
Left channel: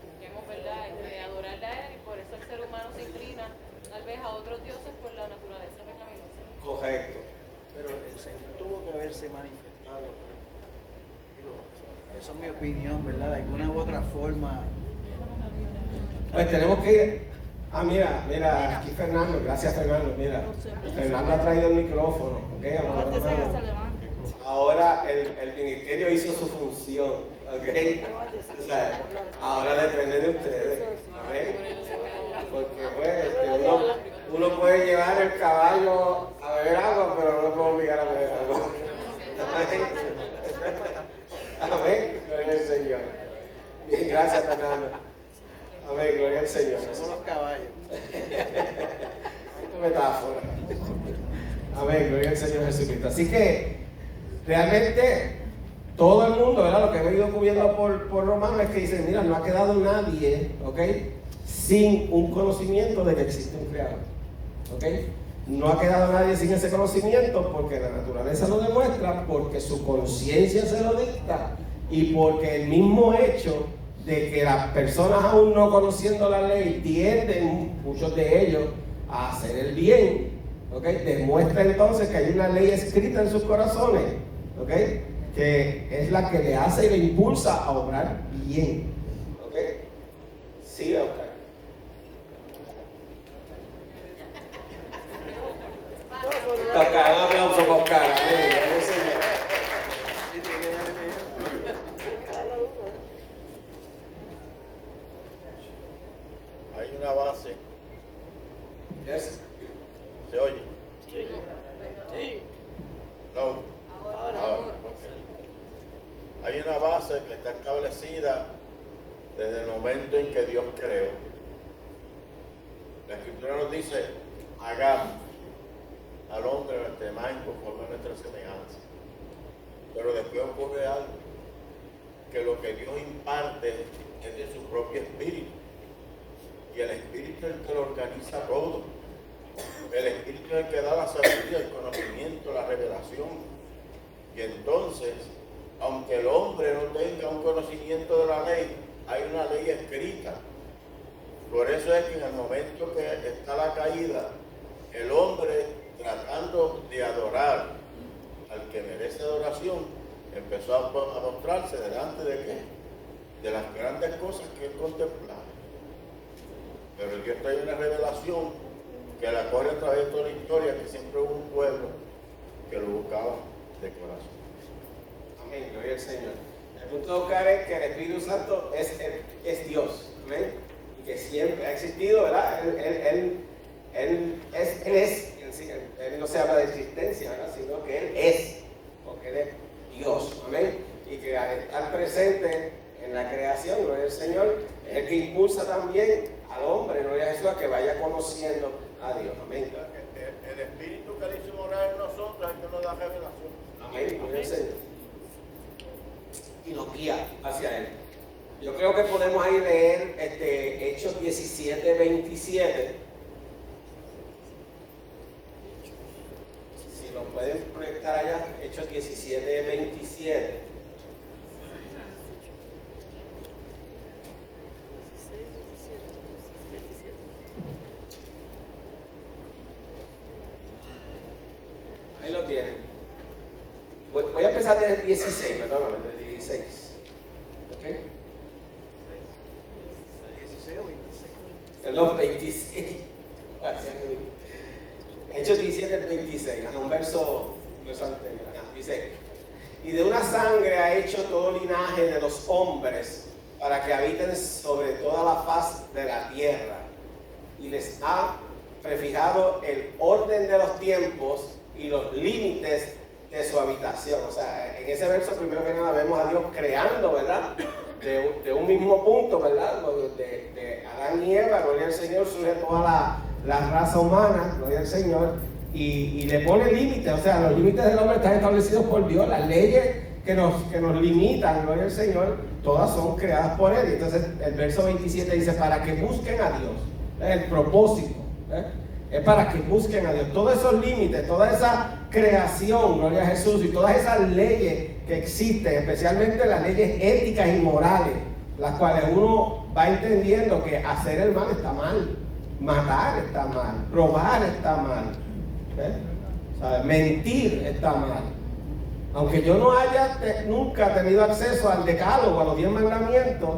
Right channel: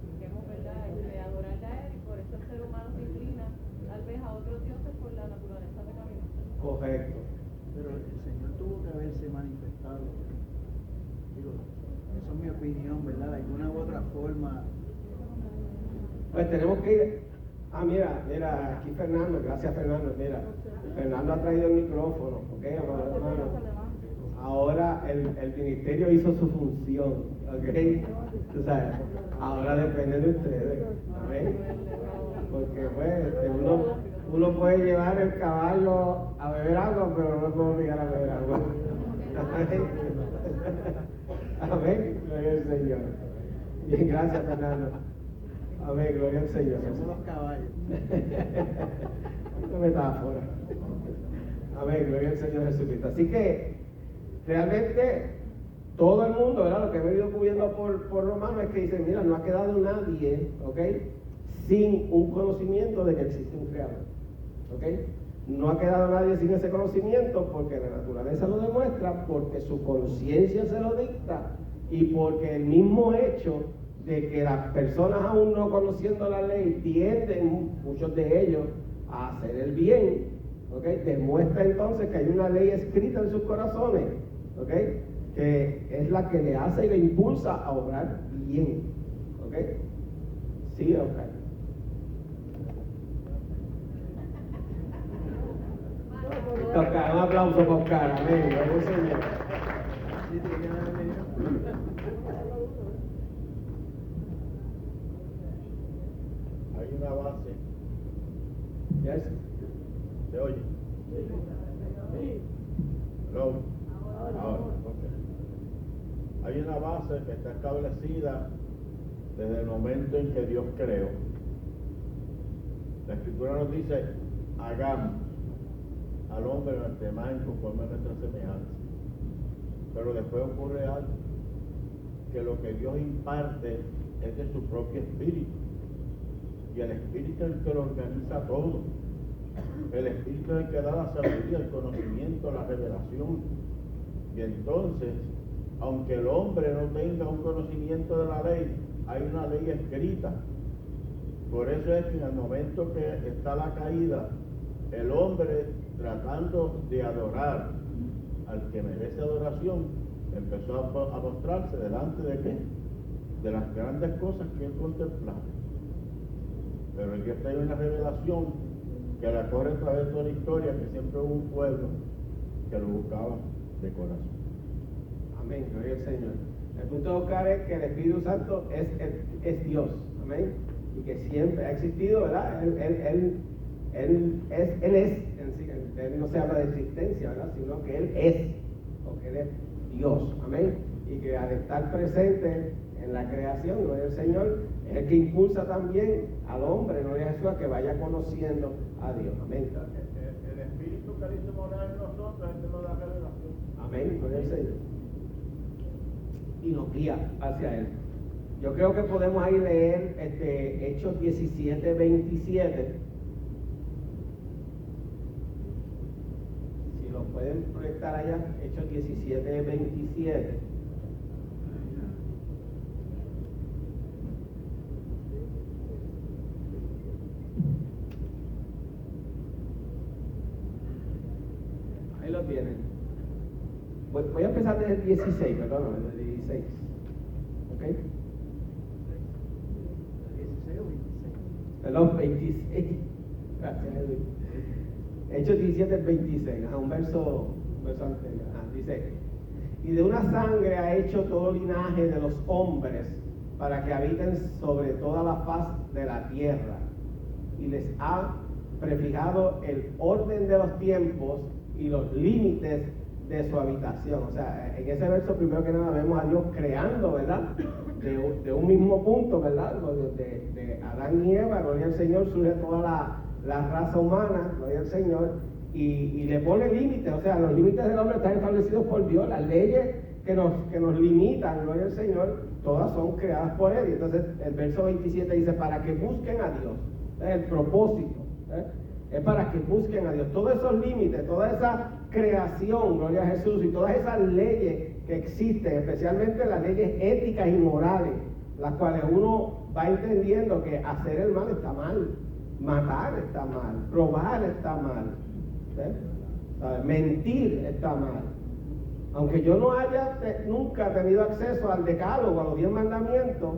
busquemos, ¿verdad?, de adorarle a Él, y por eso el ser humano se inclina tal vez a otros dioses por la naturaleza pecaminosa. Correcto. Pero el Señor tuvo que haberse manifestado. Digo, esa es mi opinión, ¿verdad? De alguna u otra forma. Pues tenemos que ir. Mira, aquí Fernando, gracias Fernando, mira. Fernando ha traído el micrófono, ¿ok? Amados hermanos. Ahora el ministerio hizo su función, ¿ok? O sea, ahora depende de ustedes, ¿amén? Porque pues, uno puede llevar el caballo a beber agua, pero no lo puede obligar a beber agua. Amén, gloria al Señor. Bien, gracias Fernando. Amén, gloria al Señor. Somos los caballos. Esta metáfora. Amén, gloria al Señor Jesucristo. Así que realmente todo el mundo, ¿verdad? Lo que he ido cubriendo por Romanos es que dice, mira, no ha quedado nadie, ¿ok? sin un conocimiento de que existe un creador. ¿Ok? No ha quedado nadie sin ese conocimiento porque la naturaleza lo demuestra, porque su conciencia se lo dicta y porque el mismo hecho de que las personas aún no conociendo la ley tienden, muchos de ellos, a hacer el bien, ¿ok? Demuestra entonces que hay una ley escrita en sus corazones, ¿ok? Que es la que le hace y le impulsa a obrar bien, ¿ok? Sí, Oscar. Oscar, un aplauso para Oscar, amén, amén, Señor. Sí, tiene que darle ejemplo. Hay una base, Yes. ¿se oye? Sí. No. Ahora, ok. Hay una base que está establecida desde el momento en que Dios creó. La Escritura nos dice, hagamos al hombre nuestra imagen conforme a nuestra semejanza. Pero después ocurre algo, que lo que Dios imparte es de su propio espíritu. Y el espíritu es el que lo organiza todo. El espíritu es el que da la sabiduría, el conocimiento, la revelación. Y entonces, aunque el hombre no tenga un conocimiento de la ley, hay una ley escrita. Por eso es que en el momento que está la caída, el hombre, tratando de adorar al que merece adoración, empezó a mostrarse delante de qué? De las grandes cosas que él contemplaba. Pero Dios trae una revelación que la corre a través de toda la historia, que siempre hubo un pueblo que lo buscaba de corazón. Amén, gloria al Señor. El punto de Oscar es que el Espíritu Santo es Dios, amén, y que siempre ha existido, ¿verdad? Él no se habla de existencia, ¿verdad? Sino que Él es, porque Él es Dios, amén, y que al estar presente en la creación, gloria al Señor, es el que impulsa también al hombre, gloria a Jesús, a que vaya conociendo a Dios, amén. El espíritu que le hizo morar en nosotros es el que nos da revelación. Amén, gloria al Señor. Y nos guía hacia Él. Yo creo que podemos ahí leer Hechos 17, 27. Si lo pueden proyectar allá, Hechos 17, 27. Ahí lo tienen. Voy a empezar desde el 16, perdóname, desde el 16. ¿Ok? 16 o 26. Perdón, 26. Gracias, Edwin. Hechos 17, 26. Un verso anterior. Dice: y de una sangre ha hecho todo linaje de los hombres para que habiten sobre toda la faz de la tierra. Y les ha prefijado el orden de los tiempos y los límites de su habitación. O sea, en ese verso primero que nada vemos a Dios creando, ¿verdad? De un mismo punto, ¿verdad? De Adán y Eva, gloria al Señor, surge toda la raza humana, gloria al Señor, y le pone límites. O sea, los límites del hombre están establecidos por Dios. Las leyes que nos limitan, gloria al Señor, todas son creadas por Él. Y entonces el verso 27 dice, para que busquen a Dios. Es el propósito, es para que busquen a Dios. Todos esos límites, toda esa creación, gloria a Jesús, y todas esas leyes que existen, especialmente las leyes éticas y morales, las cuales uno va entendiendo que hacer el mal está mal, matar está mal, robar está mal, ¿sabes? Mentir está mal. Aunque yo no haya nunca tenido acceso al decálogo, a los 10 mandamientos,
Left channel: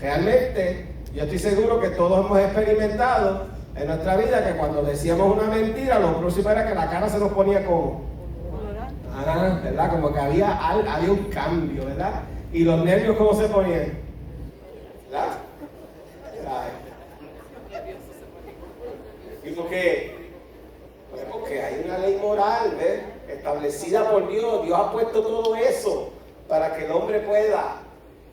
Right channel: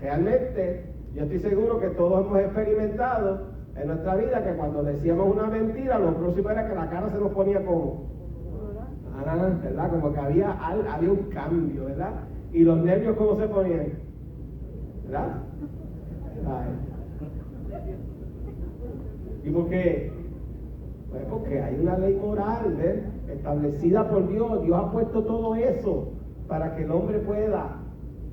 realmente yo estoy seguro que todos hemos experimentado en nuestra vida que cuando decíamos una mentira, lo próximo era que la cara se nos ponía como, ¿verdad? Como que había un cambio, ¿verdad? Y los nervios, ¿cómo se ponían? ¿Verdad? ¿Y por qué? Pues porque hay una ley moral, ¿ves? Establecida por Dios. Dios ha puesto todo eso para que el hombre pueda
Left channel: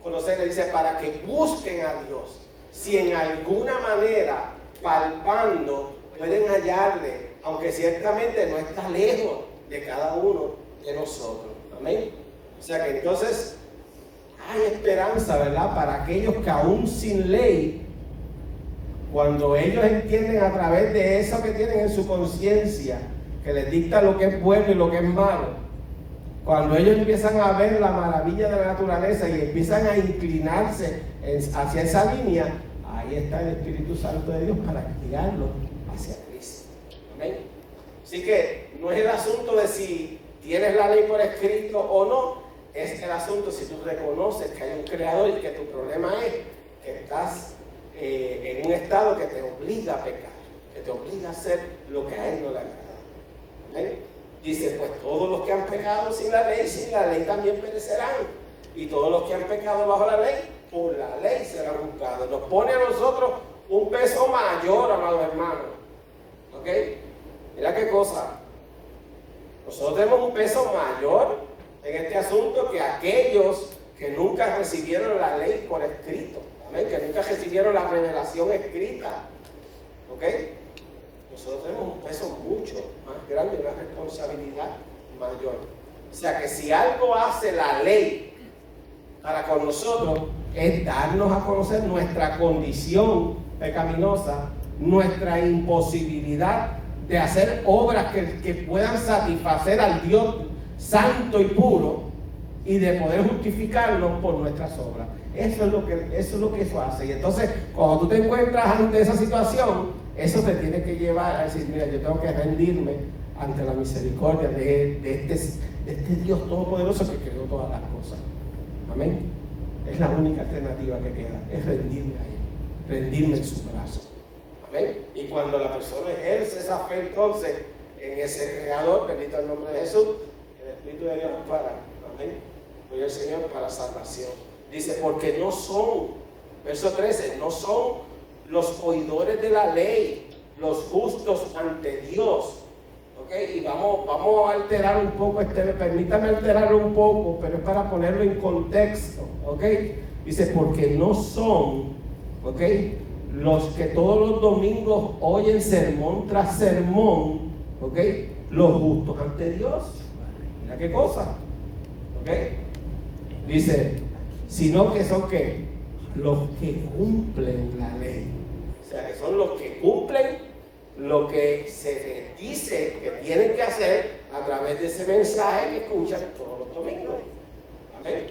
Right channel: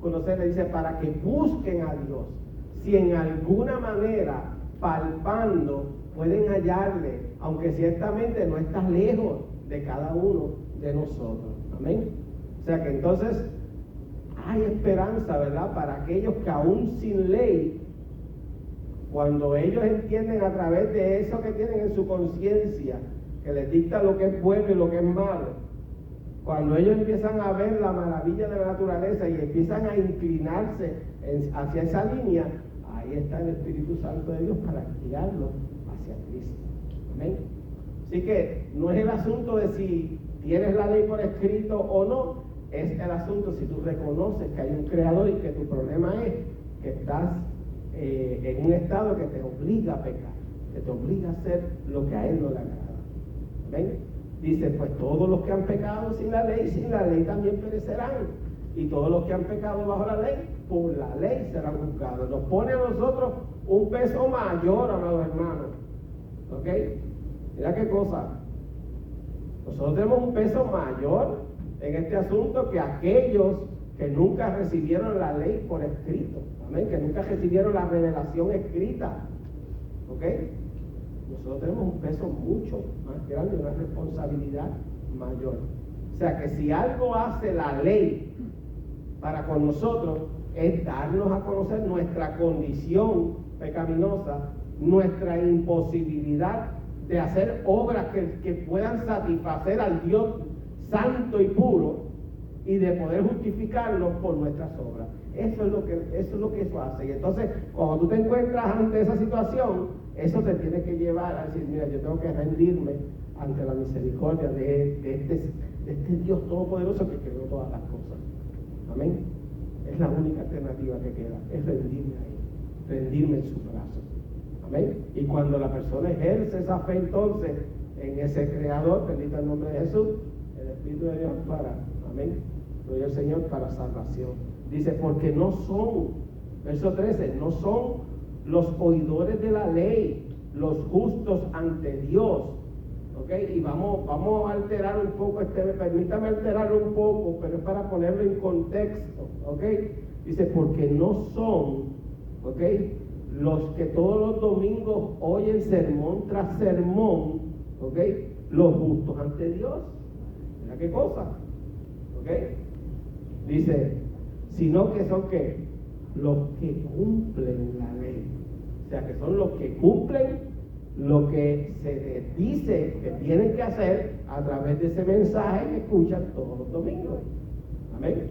conocer. Le dice, para que busquen a Dios. Si en alguna manera, palpando, pueden hallarle, aunque ciertamente no está lejos de cada uno de nosotros. Amén. O sea que entonces hay esperanza, ¿verdad? Para aquellos que aún sin ley cuando ellos entienden a través de eso que tienen en su conciencia, que les dicta lo que es bueno y lo que es malo, cuando ellos empiezan a ver la maravilla de la naturaleza y empiezan a inclinarse hacia esa línea, ahí está el Espíritu Santo de Dios para guiarlos hacia Cristo. Amén. Así que no es el asunto de si tienes la ley por escrito o no, es el asunto si tú reconoces que hay un creador y que tu problema es que estás en un estado que te obliga a pecar, que te obliga a hacer lo que a Él no le agrada. Amén. Dice, pues todos los que han pecado sin la ley también perecerán. Y todos los que han pecado bajo la ley, por la ley serán juzgados. Nos pone a nosotros un peso mayor, amados hermanos. ¿Ok? Mira qué cosa. Nosotros tenemos un peso mayor en este asunto que aquellos que nunca recibieron la ley por escrito. Amén. Que nunca recibieron la revelación escrita. ¿Ok? Nosotros tenemos un peso mucho más grande, una responsabilidad mayor. O sea que si algo hace la ley para con nosotros es darnos a conocer nuestra condición pecaminosa, nuestra imposibilidad de hacer obras que puedan satisfacer al Dios santo y puro y de poder justificarnos por nuestras obras. Eso es lo que eso hace. Y entonces, cuando tú te encuentras ante esa situación, eso te tiene que llevar a decir, mira, yo tengo que rendirme ante la misericordia de este Dios todopoderoso que creó todas las cosas. Amén. Es la única alternativa que queda, es rendirme a Él, rendirme en sus brazos. Amén. Y cuando la persona ejerce esa fe entonces en ese Creador, bendito el nombre de Jesús, el Espíritu de Dios para, amén, gloria al Señor, para salvación. Dice, porque no son, verso 13, no son los oidores de la ley, los justos ante Dios. ¿Ok? Y vamos a alterar un poco permítame alterarlo un poco, pero es para ponerlo en contexto. ¿Ok? Dice, porque no son, ¿ok?, los que todos los domingos oyen sermón tras sermón, ¿ok?, los justos ante Dios. Mira qué cosa. ¿Ok? Dice, sino que son ¿qué? Los que cumplen la ley. O sea, que son los que cumplen lo que se les dice que tienen que hacer a través de ese mensaje que escuchan todos los domingos. Amén.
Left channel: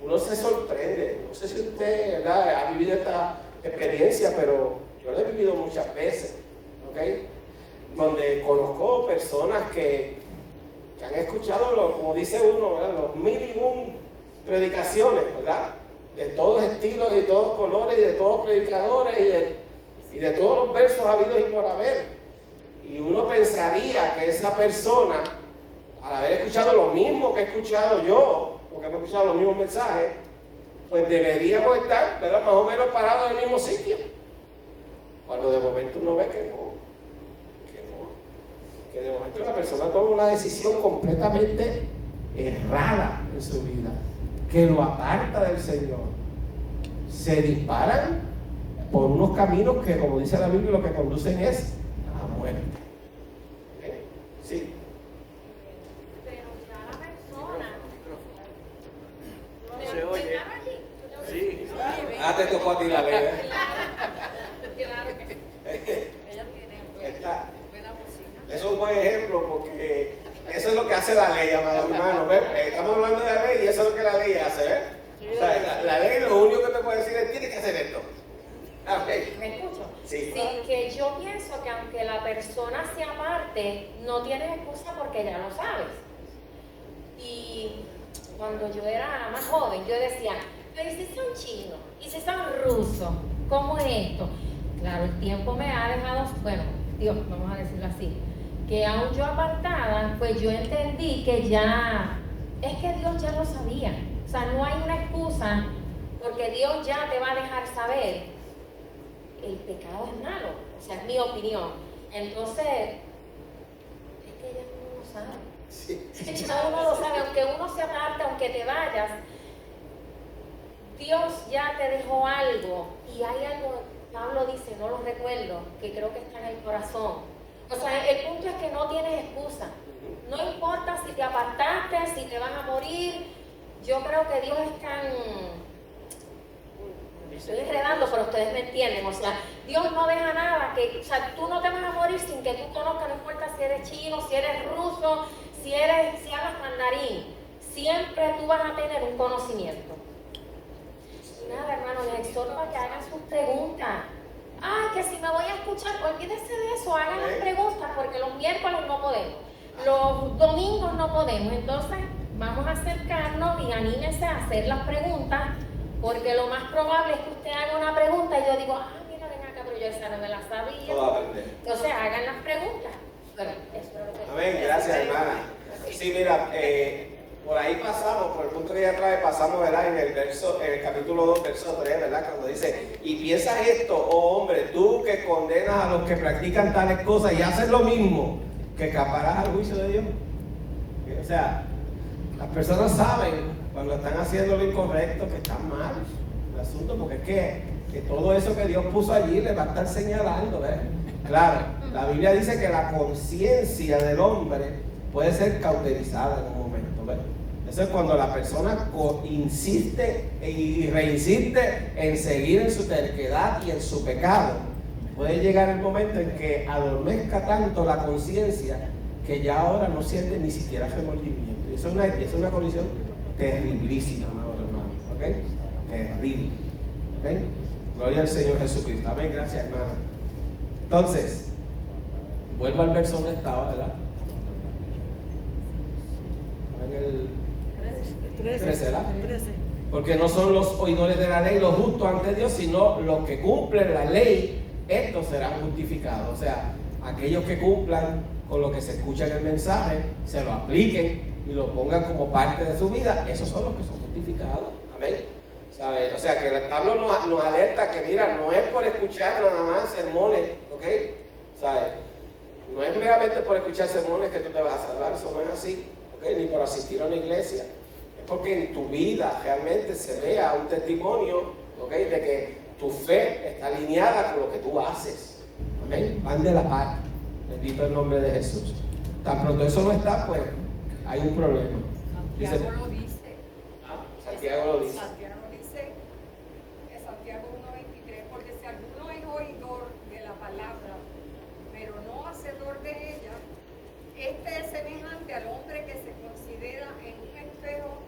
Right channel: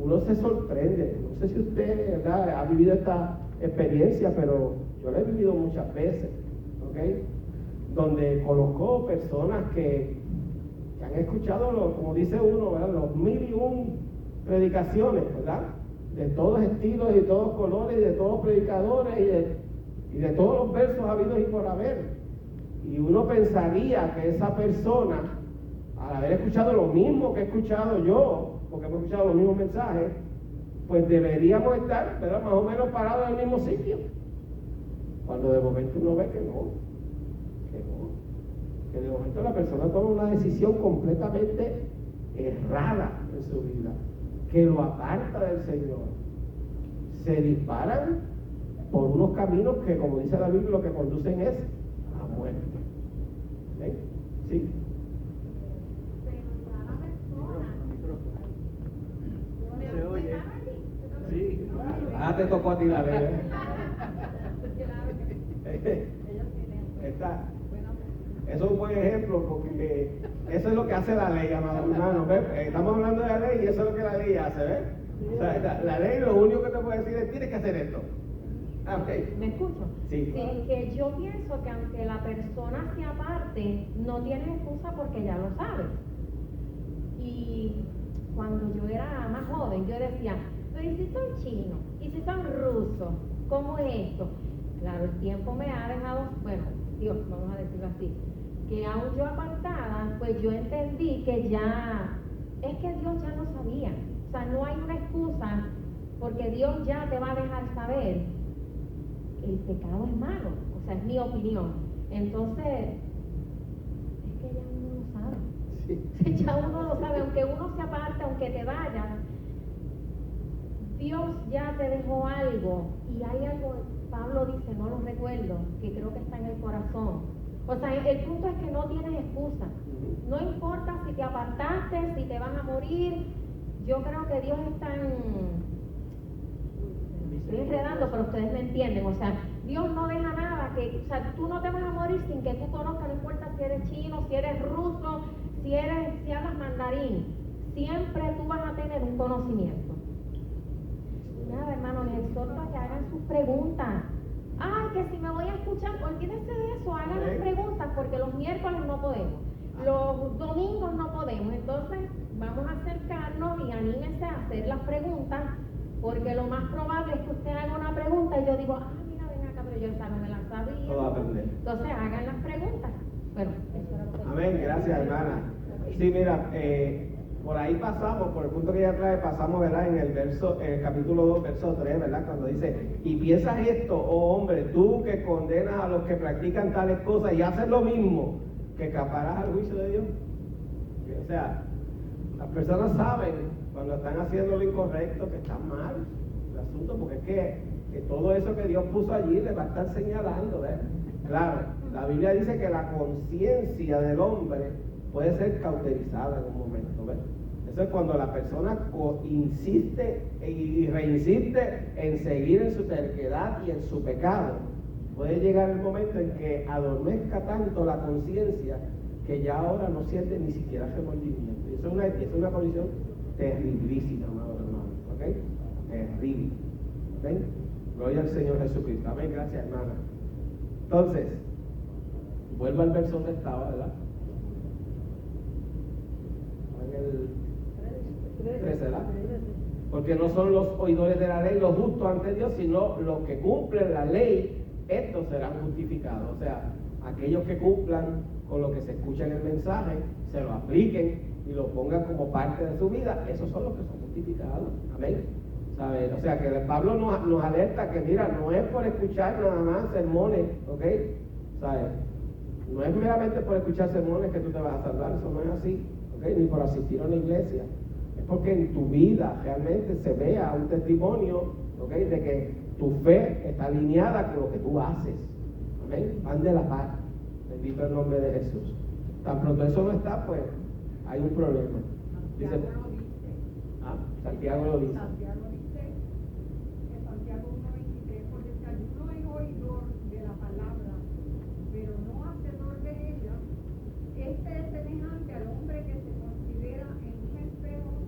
Uno se sorprende. No sé si usted, ¿verdad?, ha vivido esta experiencia, pero yo la he vivido muchas veces. ¿Ok? Donde conozco personas que han escuchado, como dice uno, ¿verdad?, los 1001 predicaciones, ¿verdad?, de todos estilos y de todos colores y de todos predicadores y de todos los versos habidos y por haber. Y uno pensaría que esa persona, al haber escuchado lo mismo que he escuchado yo, porque hemos escuchado los mismos mensajes, pues deberíamos estar, ¿verdad?, más o menos parados en el mismo sitio. Cuando de momento uno ve que de momento la persona toma una decisión completamente errada en su vida, que lo aparta del Señor. Se disparan por unos caminos que, como dice la Biblia, lo que conducen es a muerte. ¿Eh? Sí. Pero ya la persona No se oye. Sí. Ah, te tocó a ti la ley. Claro que sí. Ella tiene Eso es un buen ejemplo porque eso es lo que hace la ley, amado hermano. Estamos hablando de la ley y eso es lo que la ley hace, ¿ves? O sea, la ley lo único que te puede decir es tienes que hacer esto. Okay. ¿Me escucho? Sí. Que yo pienso que aunque la persona se aparte, no tienes excusa porque ya lo sabes. Y cuando yo era más joven, yo decía, pero ¿y si son chinos? ¿Y si son rusos? ¿Cómo es esto? Claro, el tiempo me ha dejado, bueno, Dios, vamos a decirlo así, que aún yo apartada, pues yo entendí que ya, es que Dios ya lo sabía. O sea, no hay una excusa porque Dios ya te va a dejar saber el pecado es malo, o sea, es mi opinión. Entonces, es que ya uno lo sabe. Sí. Ya uno lo sabe, aunque uno se aparte, aunque te vayas, Dios ya te dejó algo. Y hay algo, Pablo dice, no lo recuerdo, que creo que está en el corazón. O sea, el punto es que no tienes excusa. No importa si te apartaste, si te vas a morir. Yo creo que Dios es tan... Me estoy enredando, pero ustedes me entienden. O sea, Dios no deja nada, o sea, tú no te vas a morir sin que tú conozcas, no importa si eres chino, si eres ruso, si hablas mandarín, siempre tú vas a tener un conocimiento. Y nada, hermano, les exhorto a que hagan sus preguntas. Ay, que si me voy a escuchar, olvídese de eso, hagan las preguntas, porque los miércoles no podemos, los domingos no podemos, entonces vamos a acercarnos y anímense a hacer las preguntas, porque lo más probable es que usted haga una pregunta y yo digo, mira, ven acá, pero yo esa no me la sabía. Todo aprender. Entonces hagan las preguntas. Bueno, eso es lo que... Amén, gracias hermana. Sí, mira, por ahí pasamos, por el punto que ella trae, pasamos, ¿verdad? En el capítulo 2, verso 3, ¿verdad? Cuando dice, y piensas esto, oh hombre, tú que condenas a los que practican tales cosas y haces lo mismo, que escaparás al juicio de Dios. O sea, las personas saben cuando están haciendo lo incorrecto, que están mal el asunto, porque es que todo eso que Dios puso allí les va a estar señalando, ¿ves? Claro, la Biblia dice que la conciencia del hombre puede ser cauterizada en un momento, ¿ves? Eso es cuando la persona insiste y reinsiste en seguir en su terquedad y en su pecado. Puede llegar el momento en que adormezca tanto la conciencia que ya ahora no siente ni siquiera remordimiento. Eso es una condición terriblísima, amados hermanos, ¿ok? Terrible, ¿ok? Gloria al Señor Jesucristo. Amén, gracias, hermano. Entonces, vuelvo al verso donde estaba, ¿verdad? En el 13, ¿verdad? Porque no son los oidores de la ley los justos ante Dios, sino los que cumplen la ley, estos serán justificados. O sea, aquellos que cumplan con lo que se escucha en el mensaje, se lo apliquen y lo pongan como parte de su vida, esos son los que son justificados. Amén. ¿Sabe? O sea, que Pablo nos alerta que, mira, no es por escuchar nada más sermones, ¿ok? ¿Sabe? No es meramente por escuchar sermones que tú te vas a salvar, eso no es así, ¿ok? Ni por asistir a una iglesia. Es porque en tu vida realmente se vea un testimonio, ¿ok? De que tu fe está alineada con lo que tú haces. Amén. Van de la par. Bendito el nombre de Jesús. Tan pronto eso no está, pues hay un problema. Santiago lo dice. Santiago lo dice. Santiago dice en Santiago 1:23, porque si alguno es oidor de la palabra, pero no hacedor de ella, este es semejante al hombre que se considera en un espejo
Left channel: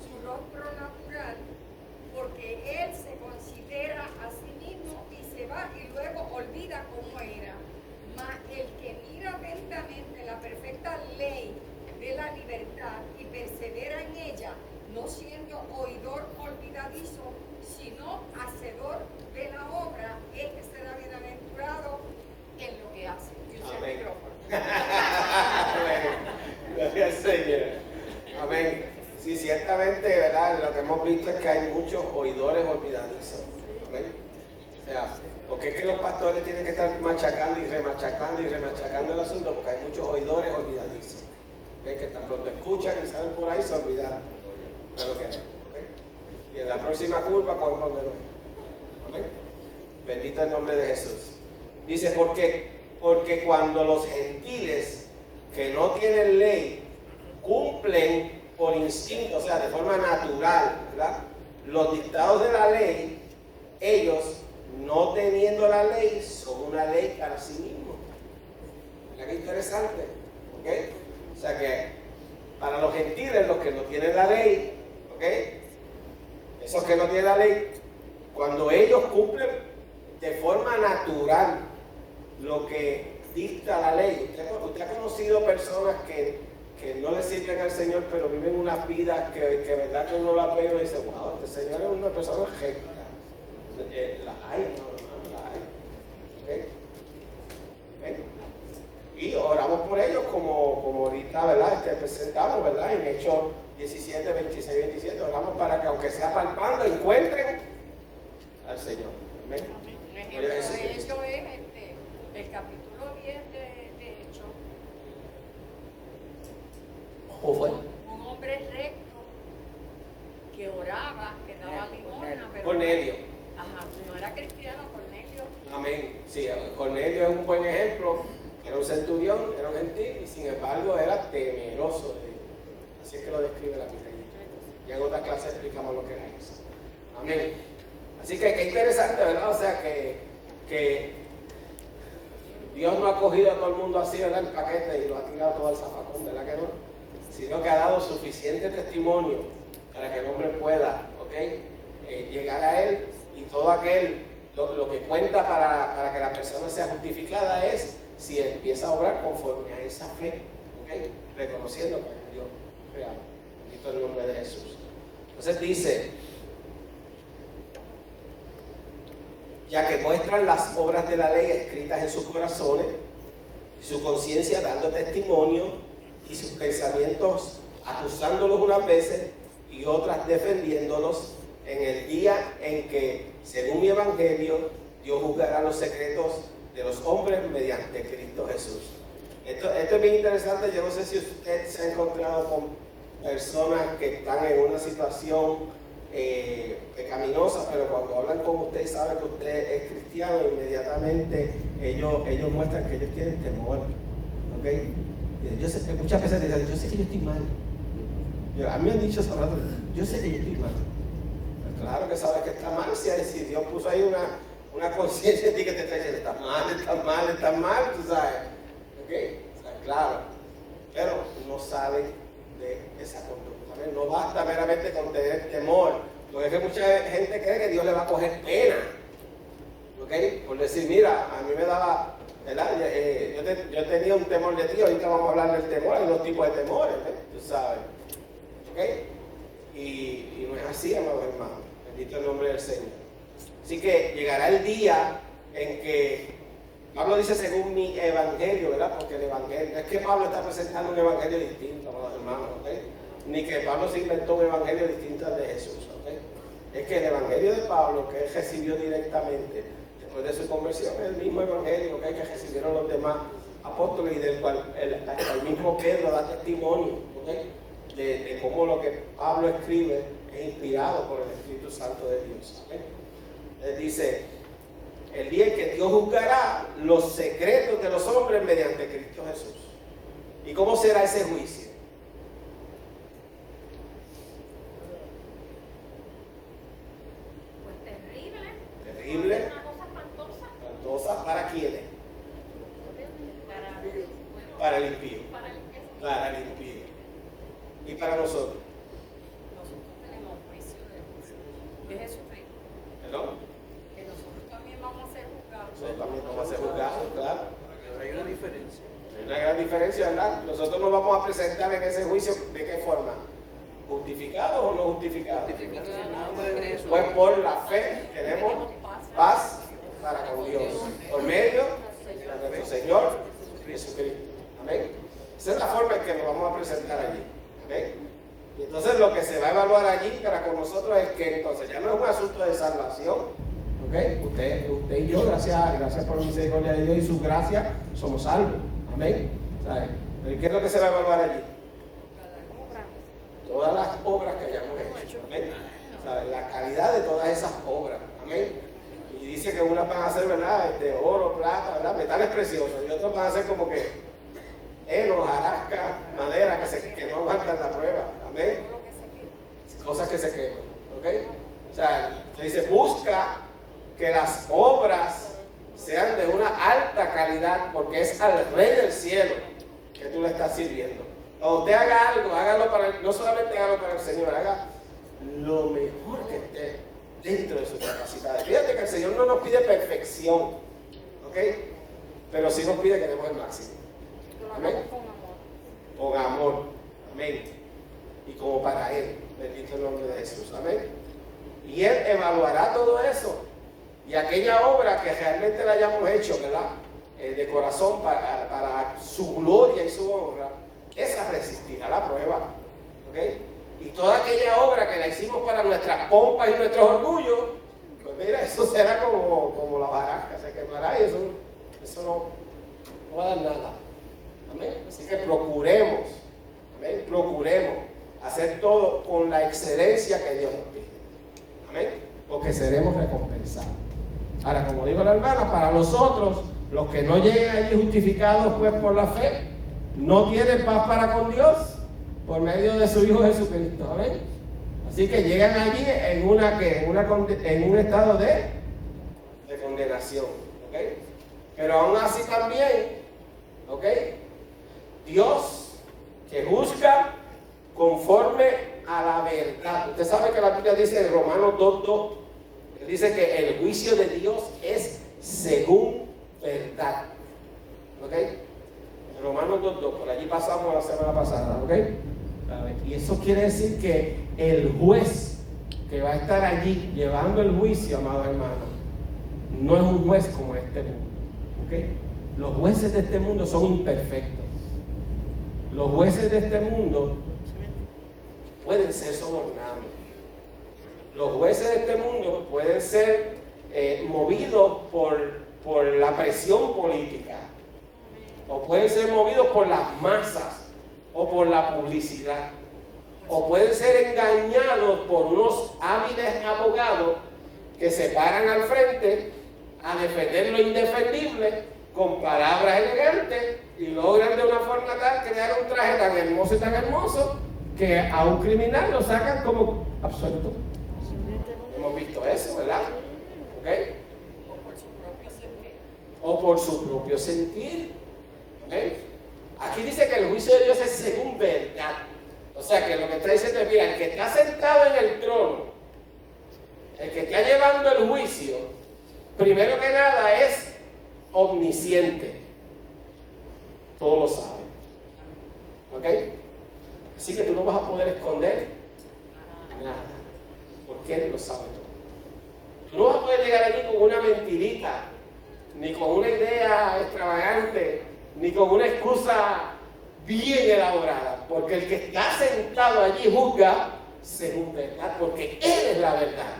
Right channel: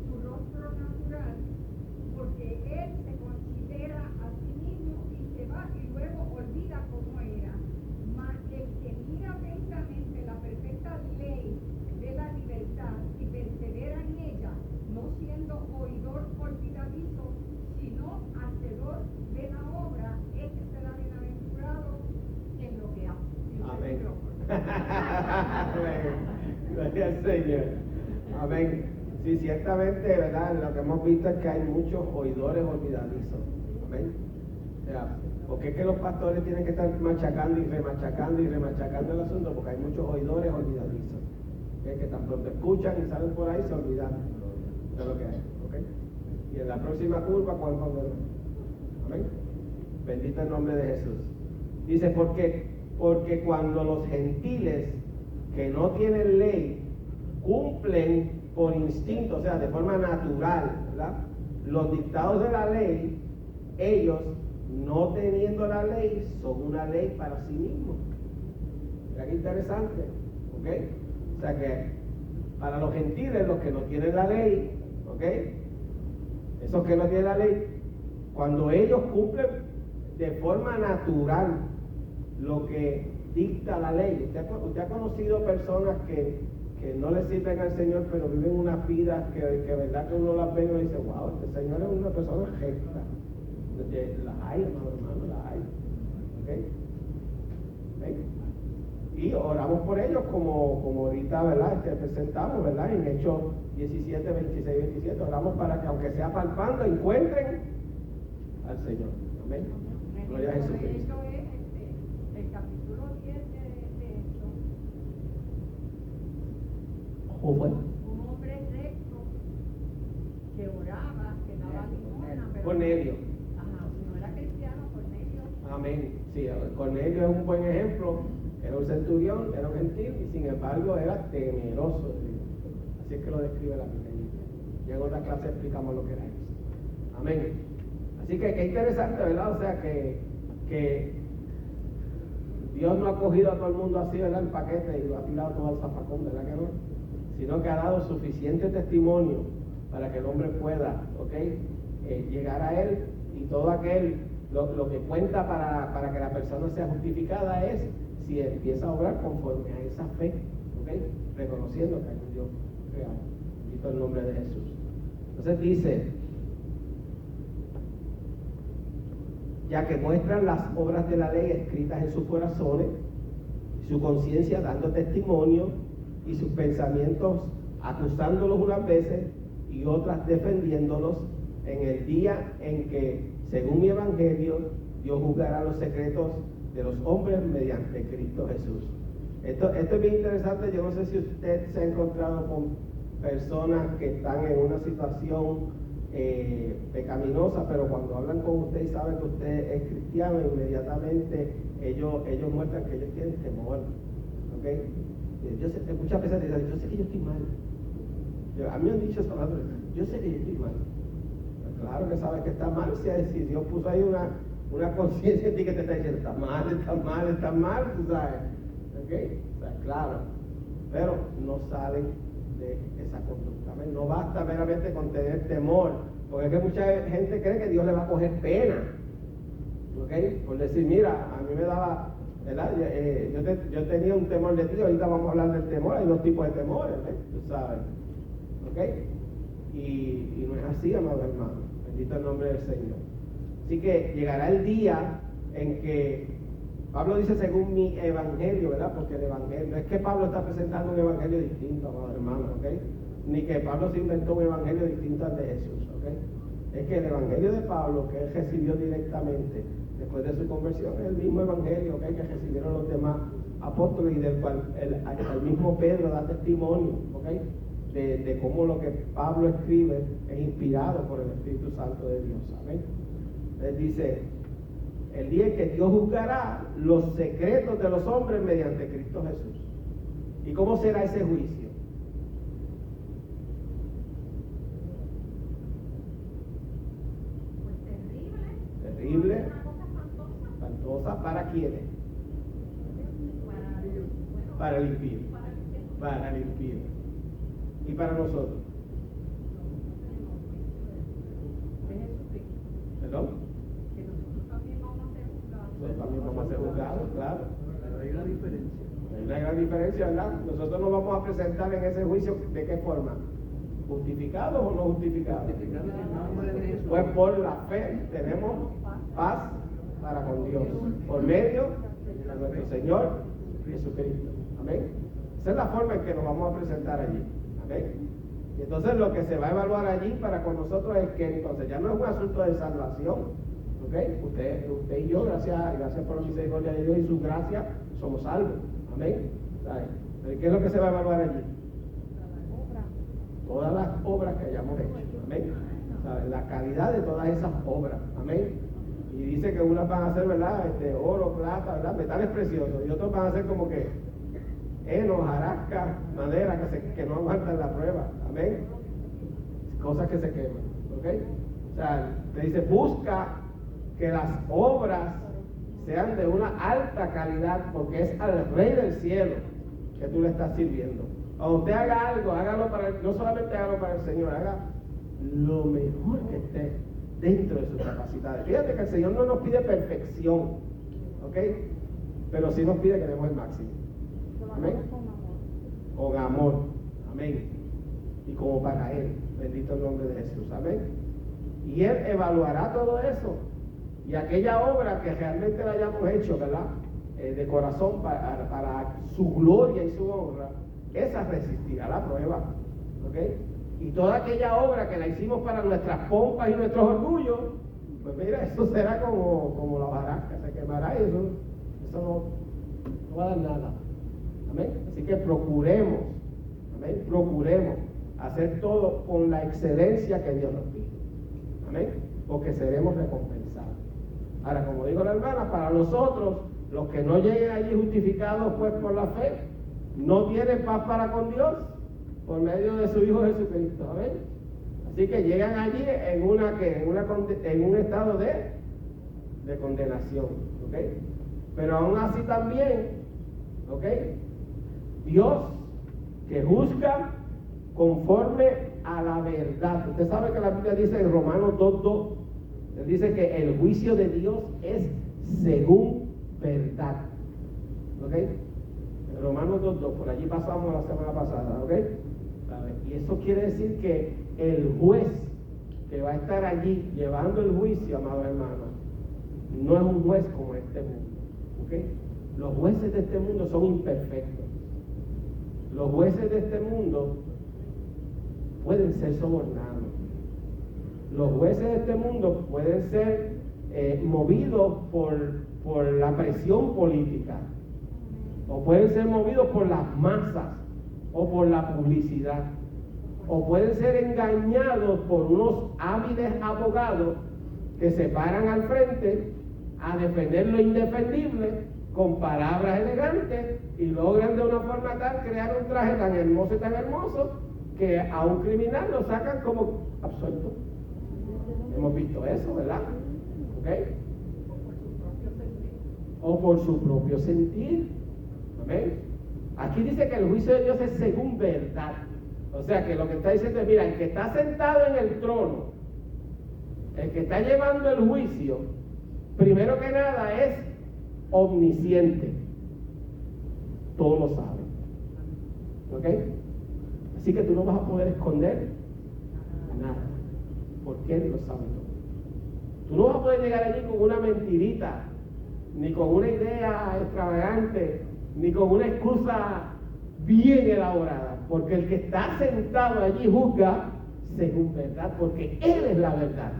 su rostro natural, porque él se considera a sí mismo y se va y luego olvida cómo era. Mas el que mira atentamente la perfecta ley de la libertad y persevera en ella, no siendo oidor olvidadizo, sino hacedor de la obra, este será bienaventurado en lo que hace. Amén. Gloria al Señor. Amén. Sí, ciertamente, ¿verdad? Lo que hemos visto es que hay muchos oidores olvidadizos. Amén. O sea, porque es que los pastores tienen que estar machacando y remachacando el asunto, porque hay muchos oidores olvidadizos. ¿Okay? Que tan pronto escuchan y salen por ahí, se olvidaron de lo que hay. ¿Okay? Y en la próxima curva, ¿cuál donde no? Amén. Bendito el nombre de Jesús. Dice, porque cuando los gentiles que no tienen ley cumplen por instinto, o sea, de forma natural, ¿verdad?, los dictados de la ley, ellos, no teniendo la ley, son una ley para sí mismos. Mira qué interesante, ¿ok? O sea que para los gentiles, los que no tienen la ley, ¿ok? Esos que no tienen la ley, cuando ellos cumplen de forma natural lo que dicta la ley. Usted ha conocido personas que no le sirven al Señor, pero viven unas vidas que verdad que uno las ve y uno dice, wow, este Señor es una persona recta. Las hay, hermano, las hay. ¿Okay? ¿Ven? Y oramos por ellos como ahorita, ¿verdad? Presentamos, ¿verdad? En Hechos 17, 26, 27, oramos para que aunque sea palpando, encuentren al Señor. Amén. Gloria a Jesucristo. Hecho es el capítulo 10 de Hechos. ¿Cómo fue? Un hombre recto que oraba, que daba limosna, pero Cornelio. Ajá, no era cristiano, Cornelio. Amén. Sí, Cornelio es un buen ejemplo. Era un centurión, era un gentil y sin embargo era temeroso de Dios. Así es que lo describe la Biblia. Ya en otra clase explicamos lo que era eso. Amén. Así que qué interesante, ¿verdad? O sea que que Dios no ha cogido a todo el mundo así, ¿verdad?, el paquete y lo ha tirado todo al zafacón, ¿verdad que no? Sino que ha dado suficiente testimonio para que el hombre pueda, llegar a Él, y todo aquel, lo que cuenta para que la persona sea justificada es si empieza a obrar conforme a esa fe, reconociendo que hay un Dios real. Bendito el nombre de Jesús. Entonces dice, ya que muestran las obras de la ley escritas en sus corazones, y su conciencia dando testimonio, y sus pensamientos acusándolos unas veces y otras defendiéndolos, en el día en que, según mi evangelio, Dios juzgará los secretos de los hombres mediante Cristo Jesús. Esto es bien interesante. Yo no sé si usted se ha encontrado con personas que están en una situación pecaminosa, pero cuando hablan con usted y saben que usted es cristiano, inmediatamente ellos muestran que ellos tienen temor. Muchas veces dicen, yo sé que yo estoy mal. A mí me han dicho eso, yo sé que yo estoy mal. Pues claro que sabes que está mal, si Dios puso ahí una conciencia en ti que te está diciendo, estás mal, tú sabes. O sea, claro, pero no salen de esa conducta. No basta meramente con tener temor, porque es que mucha gente cree que Dios le va a coger pena, por decir, mira, a mí me daba, ¿verdad? Yo tenía un temor de ti. Ahorita vamos a hablar del temor. Hay dos tipos de temores, tú sabes, y no es así, amados hermanos. Bendito el nombre del Señor. Así que llegará el día en que Pablo dice según mi evangelio, ¿verdad? Porque el evangelio, no es que Pablo está presentando un evangelio distinto, amados hermanos, ni que Pablo se inventó un evangelio distinto al de Jesús, es que el evangelio de Pablo, que él recibió directamente después de su conversión, es el mismo evangelio que recibieron los demás apóstoles, y del cual el mismo Pedro da testimonio, de cómo lo que Pablo escribe es inspirado por el Espíritu Santo de Dios. Él dice, el día en que Dios juzgará los secretos de los hombres mediante Cristo Jesús. ¿Y cómo será ese juicio? Terrible, espantosa. ¿Para quiénes? Para el impío. Para el impío. ¿Y para nosotros? Nosotros tenemos juicio de Jesucristo. ¿Perdón? Que nosotros también vamos a ser juzgados. Nosotros también vamos a ser juzgados, claro. Pero hay una diferencia. Hay una gran diferencia, ¿verdad? Nosotros nos vamos a presentar en ese juicio, ¿de qué forma? ¿Justificados o no justificados? Pues por la fe tenemos paz para con Dios, por medio de nuestro Señor Jesucristo. Amén. Esa es la forma en que nos vamos a presentar allí. Amén. Y entonces lo que se va a evaluar allí para con nosotros es que entonces ya no es un asunto de salvación. Usted y yo, gracias por la misericordia de Dios y su gracia, somos salvos. Amén. ¿Sabe? ¿Pero qué es lo que se va a evaluar allí? Todas las obras que hayamos hecho. Amén. ¿Sabe? La calidad de todas esas obras. Amén. Y dice que unas van a ser, ¿verdad? Oro, plata, ¿verdad? Metales preciosos. Y otros van a ser como que heno, jarasca, madera que no aguantan la prueba. Amén. Cosas que se queman. O sea, te dice, busca que las obras sean de una alta calidad, porque es al Rey del cielo que tú le estás sirviendo. O usted haga algo, hágalo no solamente hágalo para el Señor, haga lo mejor que esté dentro de sus capacidades. Fíjate que el Señor no nos pide perfección, pero sí nos pide que demos el máximo. Amén. Con amor. Amén. Y como para Él. Bendito el nombre de Jesús. Amén. Y Él evaluará todo eso. Y aquella obra que realmente la hayamos hecho, ¿verdad? De corazón para su gloria y su honra, esa resistirá la prueba. Y toda aquella obra que la hicimos para nuestras pompas y nuestros orgullos, pues mira, eso será como la hojarasca, se quemará y eso no va a dar nada. Amén. Así que procuremos hacer todo con la excelencia que Dios nos pide. Amén. Porque seremos recompensados. Ahora, como dijo la hermana, para nosotros, los que no lleguen allí justificados pues por la fe, no tienen paz para con Dios por medio de su Hijo Jesucristo. Amén. Así que llegan allí en un estado de condenación. ¿ok? Pero aún así también, ¿ok? Dios que juzga conforme a la verdad. Usted sabe que la Biblia dice en Romanos 2:2, él dice que el juicio de Dios es según verdad. ¿Ok? En Romanos 2:2, por allí pasamos la semana pasada, ¿ok? Y eso quiere decir que el juez que va a estar allí llevando el juicio, amados hermanos, no es un juez como este mundo. ¿Ok? Los jueces de este mundo son imperfectos. Los jueces de este mundo pueden ser sobornados. Los jueces de este mundo pueden ser movidos por la presión política, o pueden ser movidos por las masas, o por la publicidad, o pueden ser engañados por unos hábiles abogados que se paran al frente a defender lo indefendible con palabras elegantes y logran de una forma tal crear un traje tan hermoso y tan hermoso que a un criminal lo sacan como absuelto. Hemos visto eso, ¿verdad? ¿Ok? O por su propio sentir. ¿Ok? Aquí dice que el juicio de Dios es según verdad. O sea que lo que está diciendo es, mira, el que está sentado en el trono, el que está llevando el juicio, primero que nada es omnisciente. Todo lo sabe. ¿Ok? Así que tú no vas a poder esconder nada, porque Él lo sabe todo. Tú no vas a poder llegar allí con una mentirita, ni con una idea extravagante, ni con una excusa bien elaborada, porque el que está sentado allí juzga según verdad, porque Él es la verdad.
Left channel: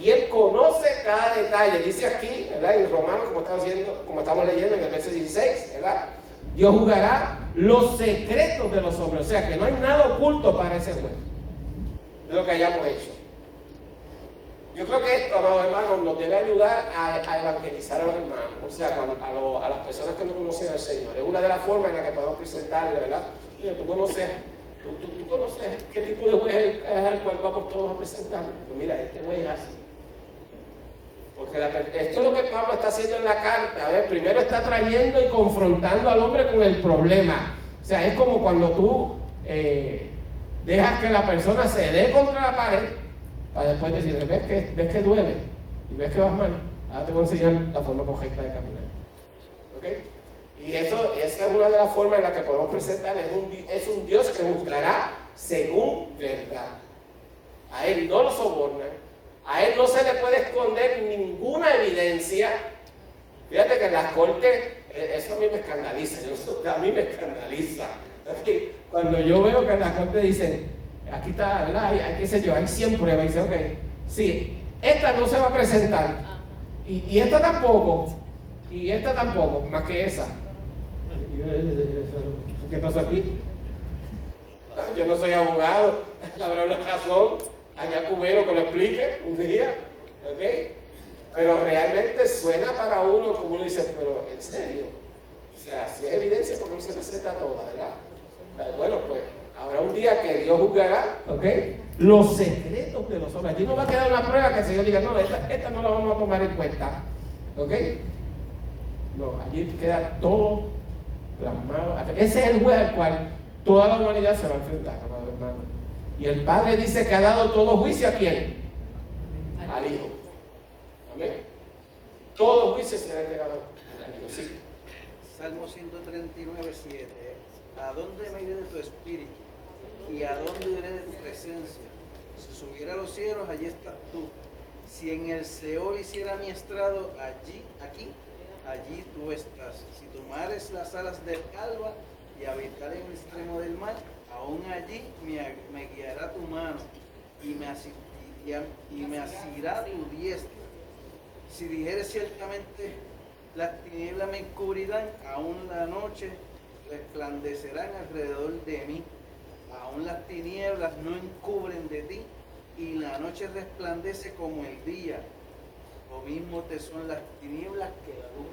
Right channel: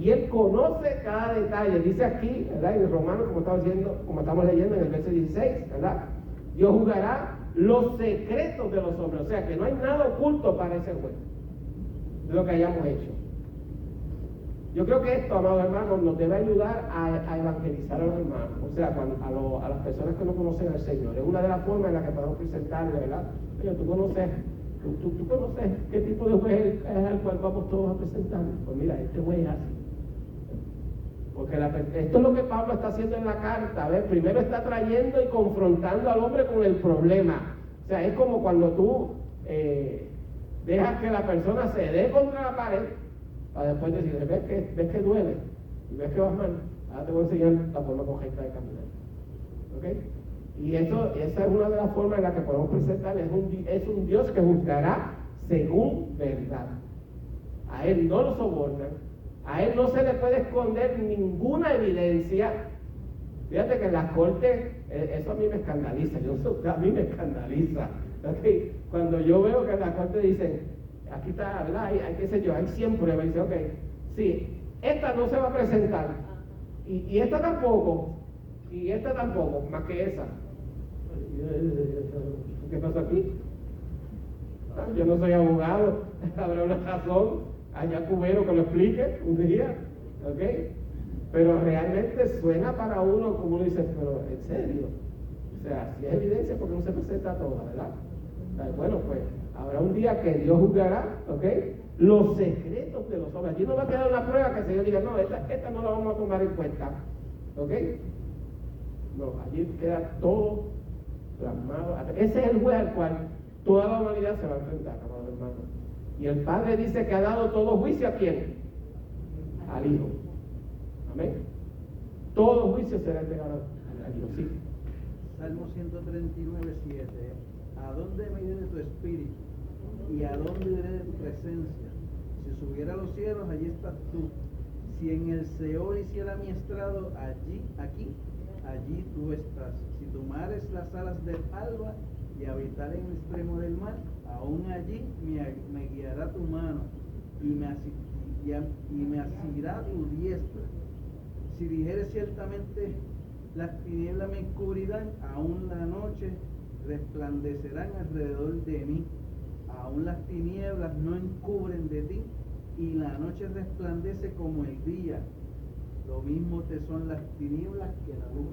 Y Él conoce cada detalle. Dice aquí, ¿verdad? En Romanos, como estamos leyendo en el verso 16, ¿verdad? Dios juzgará los secretos de los hombres. O sea que no hay nada oculto para ese juez de lo que hayamos hecho. Yo creo que esto, amados hermanos, nos debe ayudar a evangelizar a los hermanos. O sea, a las personas que no conocen al Señor. Es una de las formas en las que podemos presentarle, ¿verdad? Mira, tú conoces qué tipo de juez es al cual vamos todos a presentar. Pues mira, este juez es así. Porque esto es lo que Pablo está haciendo en la carta. ¿Ves? Primero está trayendo y confrontando al hombre con el problema. O sea, es como cuando tú dejas que la persona se dé contra la pared para después decir, ves que duele y ves que vas mal. Ahora te voy a enseñar la forma correcta de caminar. ¿Ok? Y esa es una de las formas en las que podemos presentar. Es un Dios que juzgará según verdad. A Él no lo sobornan. A Él no se le puede esconder ninguna evidencia. Fíjate que en las cortes, eso a mí me escandaliza. A mí me escandaliza. ¿Okay? Cuando yo veo que en las cortes dicen, aquí está, ¿verdad? Hay qué sé yo, hay 100 pruebas. Y dice, ok, sí, esta no se va a presentar. Y esta tampoco. Y esta tampoco, más que esa. ¿Qué pasó aquí? Yo no soy abogado, habrá una razón. Allá cubero que lo explique un día, ¿ok? Pero realmente suena para uno como uno dice, pero en serio, o sea, si es evidencia, porque no se presenta toda, ¿verdad? Bueno, pues habrá un día que Dios juzgará, ¿ok? Los secretos de los hombres. Allí no va a quedar una prueba que el Señor diga, no, esta no la vamos a tomar en cuenta, ¿ok? No, allí queda todo plasmado. Ese es el juez al cual toda la humanidad se va a enfrentar, amados hermanos. Y el Padre dice que ha dado todo juicio ¿a quién? Al Hijo. Amén. Todo juicio será entregado al Hijo. Sí. Salmo 139, 7. ¿A dónde me iré de tu espíritu? ¿Y a dónde iré de tu presencia? Si subiera a los cielos, allí estás tú. Si en el Seol hiciera mi estrado, allí tú estás. Si tomares las alas del alba y habitar en el extremo del mar, aún allí me guiará tu mano y me asirá tu diestra. Si dijere ciertamente las tinieblas me encubrirán, aún la noche resplandecerán alrededor de mí. Aún las tinieblas no encubren de ti y la noche resplandece como el día. Lo mismo te son las tinieblas que la luz.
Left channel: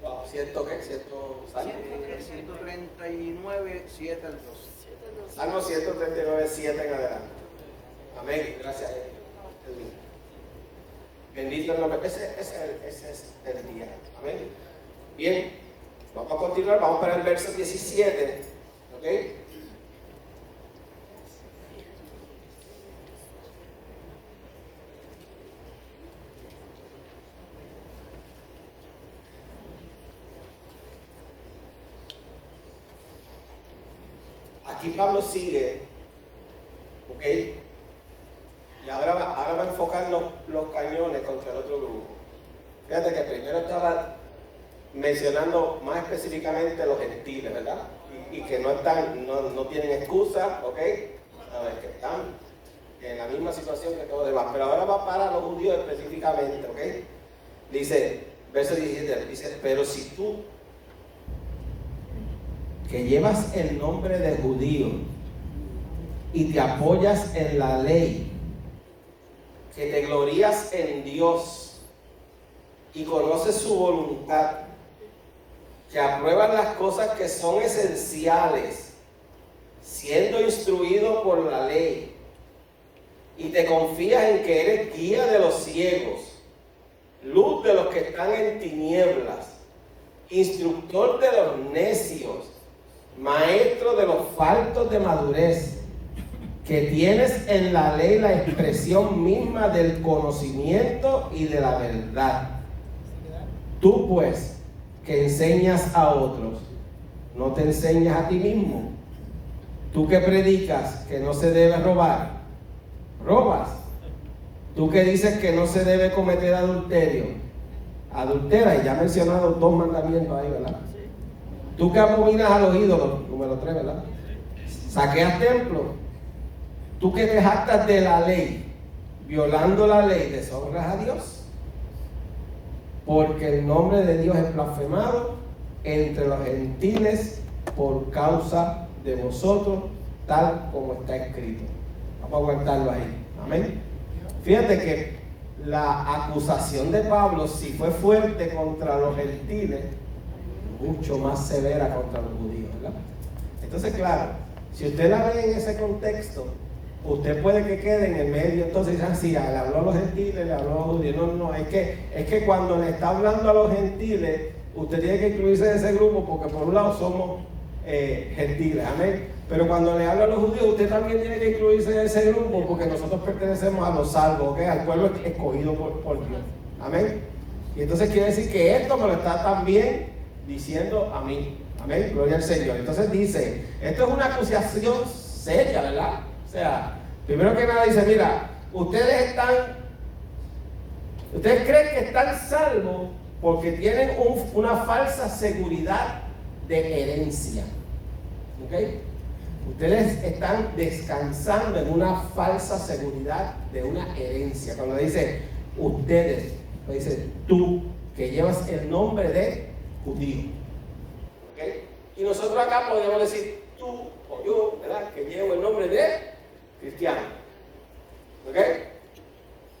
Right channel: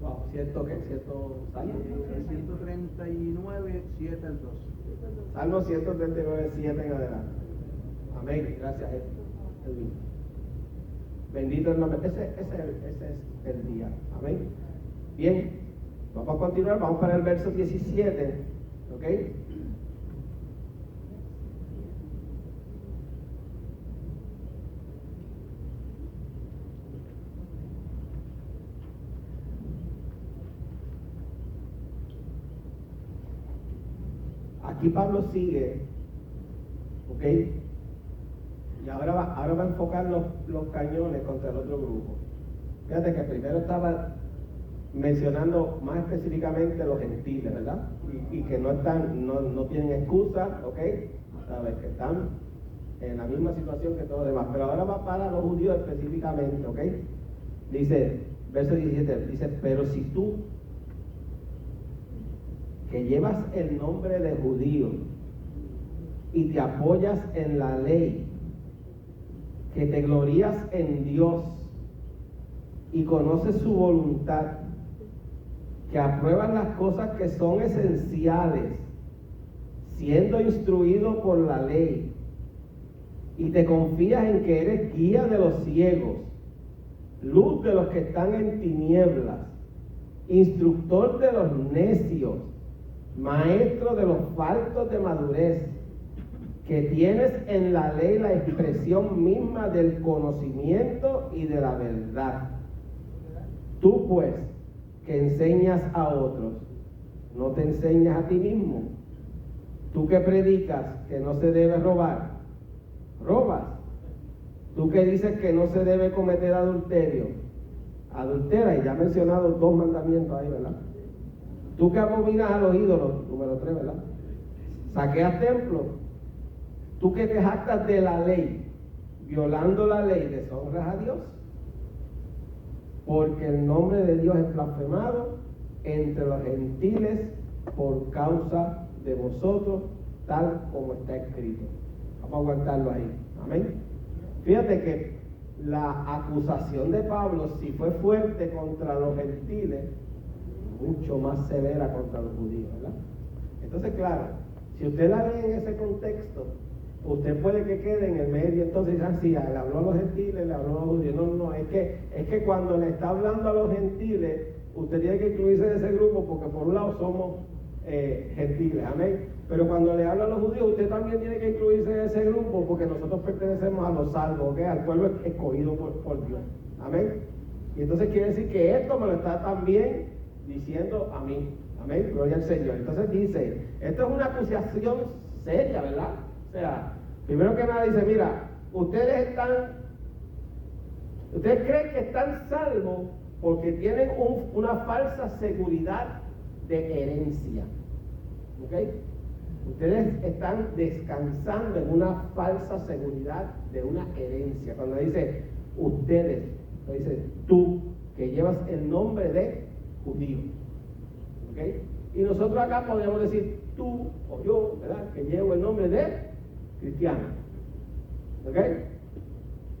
Wow, ¿cierto qué? ¿Cierto Salmo? 139, 7 al 2. Salmo 139, 7 en adelante. Amén. Gracias, Edwin. Bendito el nombre. Ese es el día. Amén. Bien, vamos a continuar. Vamos para el verso 17. ¿Ok? Aquí Pablo sigue, ¿ok? Y ahora va a enfocar los cañones contra el otro grupo. Fíjate que primero estaba mencionando más específicamente los gentiles, ¿verdad? Y que no tienen excusa, ¿ok? Sabes que están en la misma situación que todos los demás. Pero ahora va para los judíos específicamente, ¿ok? Dice, verso 17, dice, pero si tú, que llevas el nombre de judío y te apoyas en la ley, que te glorías en Dios y conoces su voluntad, que apruebas las cosas que son esenciales, siendo instruido por la ley, y te confías en que eres guía de los ciegos, luz de los que están en tinieblas, instructor de los necios, maestro de los faltos de madurez, que tienes en la ley la expresión misma del conocimiento y de la verdad. Tú pues, que enseñas a otros, ¿no te enseñas a ti mismo? Tú que predicas que no se debe robar, robas. Tú que dices que no se debe cometer adulterio, adultera. Y ya he mencionado 2 mandamientos ahí, ¿verdad? Tú que abominas a los ídolos, número 3, ¿verdad? Saqueas templos. Tú que te jactas de la ley, violando la ley, deshonras a Dios. Porque el nombre de Dios es blasfemado entre los gentiles por causa de vosotros, tal como está escrito. Vamos a aguantarlo ahí. Amén. Fíjate que la acusación de Pablo, si fue fuerte contra los gentiles, mucho más severa contra los judíos, ¿verdad? Entonces, claro, si usted la ve en ese contexto, usted puede que quede en el medio. Entonces dicen, sí, le habló a los gentiles, le habló a los judíos. No, es que cuando le está hablando a los gentiles, usted tiene que incluirse en ese grupo, porque por un lado somos gentiles, amén. Pero cuando le habla a los judíos, usted también tiene que incluirse en ese grupo, porque nosotros pertenecemos a los salvos, ¿okay? Al pueblo escogido por Dios, amén. Y entonces quiere decir que esto me lo está también diciendo a mí, amén, gloria al Señor. Entonces dice, esto es una acusación seria, ¿verdad? O sea, primero que nada dice, mira, ustedes creen que están salvos porque tienen una falsa seguridad de herencia, ¿ok? Ustedes están descansando en una falsa seguridad de una herencia. Cuando dice ustedes, dice tú, que llevas el nombre de judío, ¿ok? Y nosotros acá podemos decir tú o yo, ¿verdad? Que llevo el nombre de cristiano, ¿ok?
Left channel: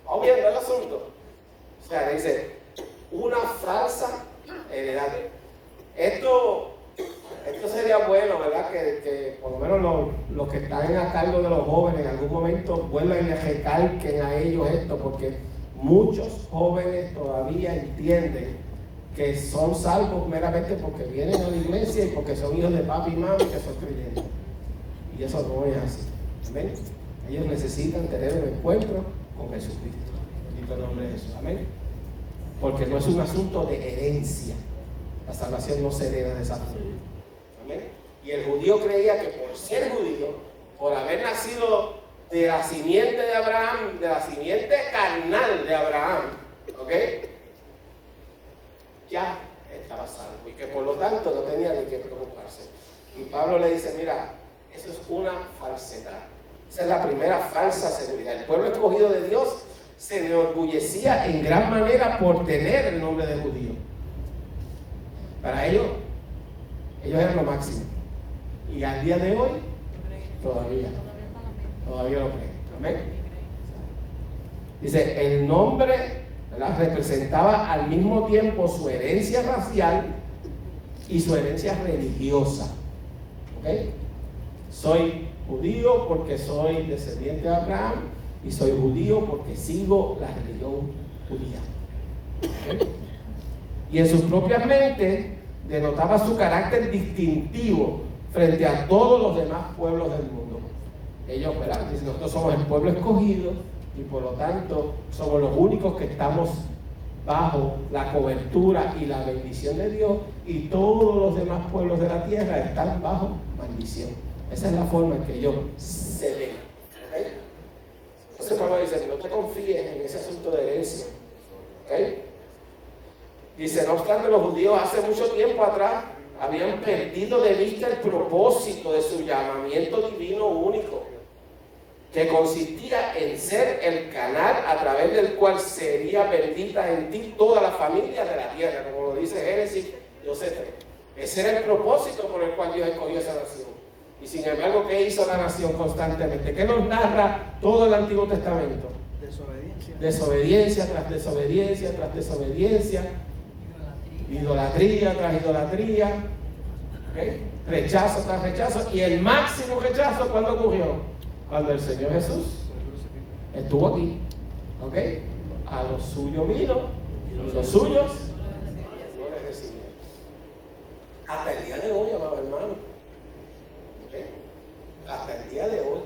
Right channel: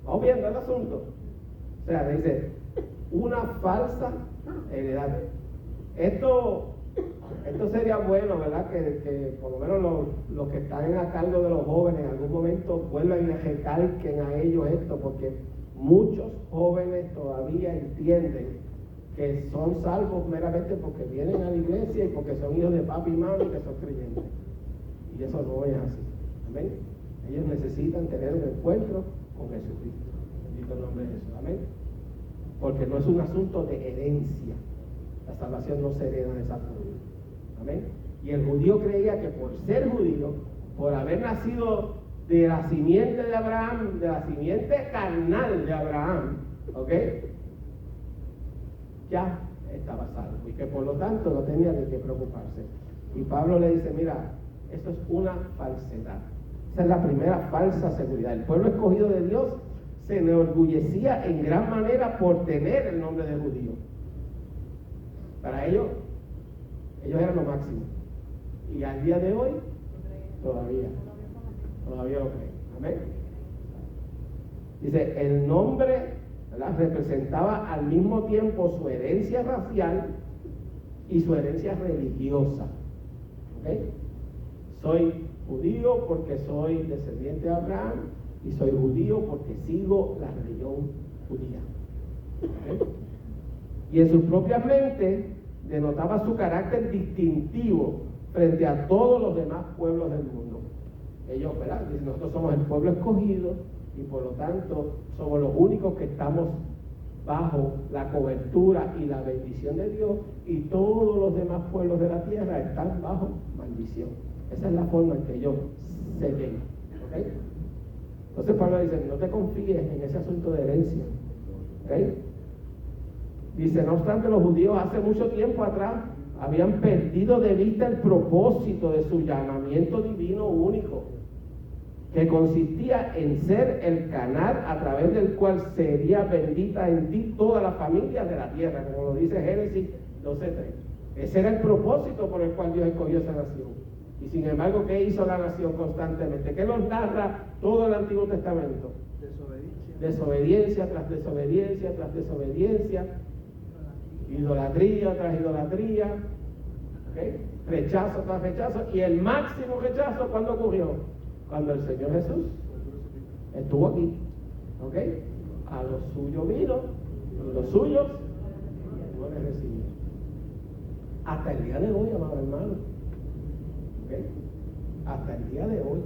Vamos viendo el asunto. O sea, dice una falsa heredad. Esto sería bueno, ¿verdad? Que por lo menos los que están a cargo de los jóvenes en algún momento vuelvan y les recalquen a ellos esto, porque muchos jóvenes todavía entienden que son salvos meramente porque vienen a la iglesia y porque son hijos de papi y mami que son creyentes. Y eso no es así. Amén. Ellos necesitan tener un encuentro con Jesucristo. Bendito el nombre de Jesús. Amén. Porque no es un asunto de herencia. La salvación no se hereda de esa forma. Amén. Y el judío creía que por ser judío, por haber nacido de la simiente de Abraham, de la simiente carnal de Abraham, ¿ok? Ya estaba salvo y que por lo tanto no tenía de qué preocuparse. Y Pablo le dice, mira, eso es una falsedad. Esa es la primera falsa seguridad. El pueblo escogido de Dios se enorgullecía en gran manera por tener el nombre de judío. Para ellos eran lo máximo. Y al día de hoy, todavía lo creen. Amén. Dice, el nombre, ¿verdad?, representaba al mismo tiempo su herencia racial y su herencia religiosa. ¿Ok? Soy judío porque soy descendiente de Abraham y soy judío porque sigo la religión judía. ¿Okay? Y en sus propias mentes denotaba su carácter distintivo frente a todos los demás pueblos del mundo. Ellos, ¿verdad? Dicen, nosotros somos el pueblo escogido y por lo tanto somos los únicos que estamos bajo la cobertura y la bendición de Dios, y todos los demás pueblos de la tierra están bajo maldición. Esa es la forma en que ellos se ven. ¿Okay? Entonces Pablo dice, no te confíes en ese asunto de herencia. ¿Okay? Dice, no obstante, los judíos hace mucho tiempo atrás habían perdido de vista el propósito de su llamamiento divino único, que consistía en ser el canal a través del cual sería bendita en ti toda la familia de la tierra, como lo dice Génesis 12:3. Ese era el propósito por el cual Dios escogió esa nación. Y sin embargo, ¿qué hizo la nación constantemente? ¿Qué nos narra todo el Antiguo Testamento? Desobediencia. Desobediencia tras desobediencia tras desobediencia. Idolatría tras idolatría. ¿Okay? Rechazo tras rechazo. Y el máximo rechazo, ¿cuándo ocurrió? Cuando el Señor Jesús estuvo aquí. ¿Ok? A los suyos vino y los suyos no les recibieron. Hasta el día de hoy, amado hermano. ¿Okay? Hasta el día de hoy.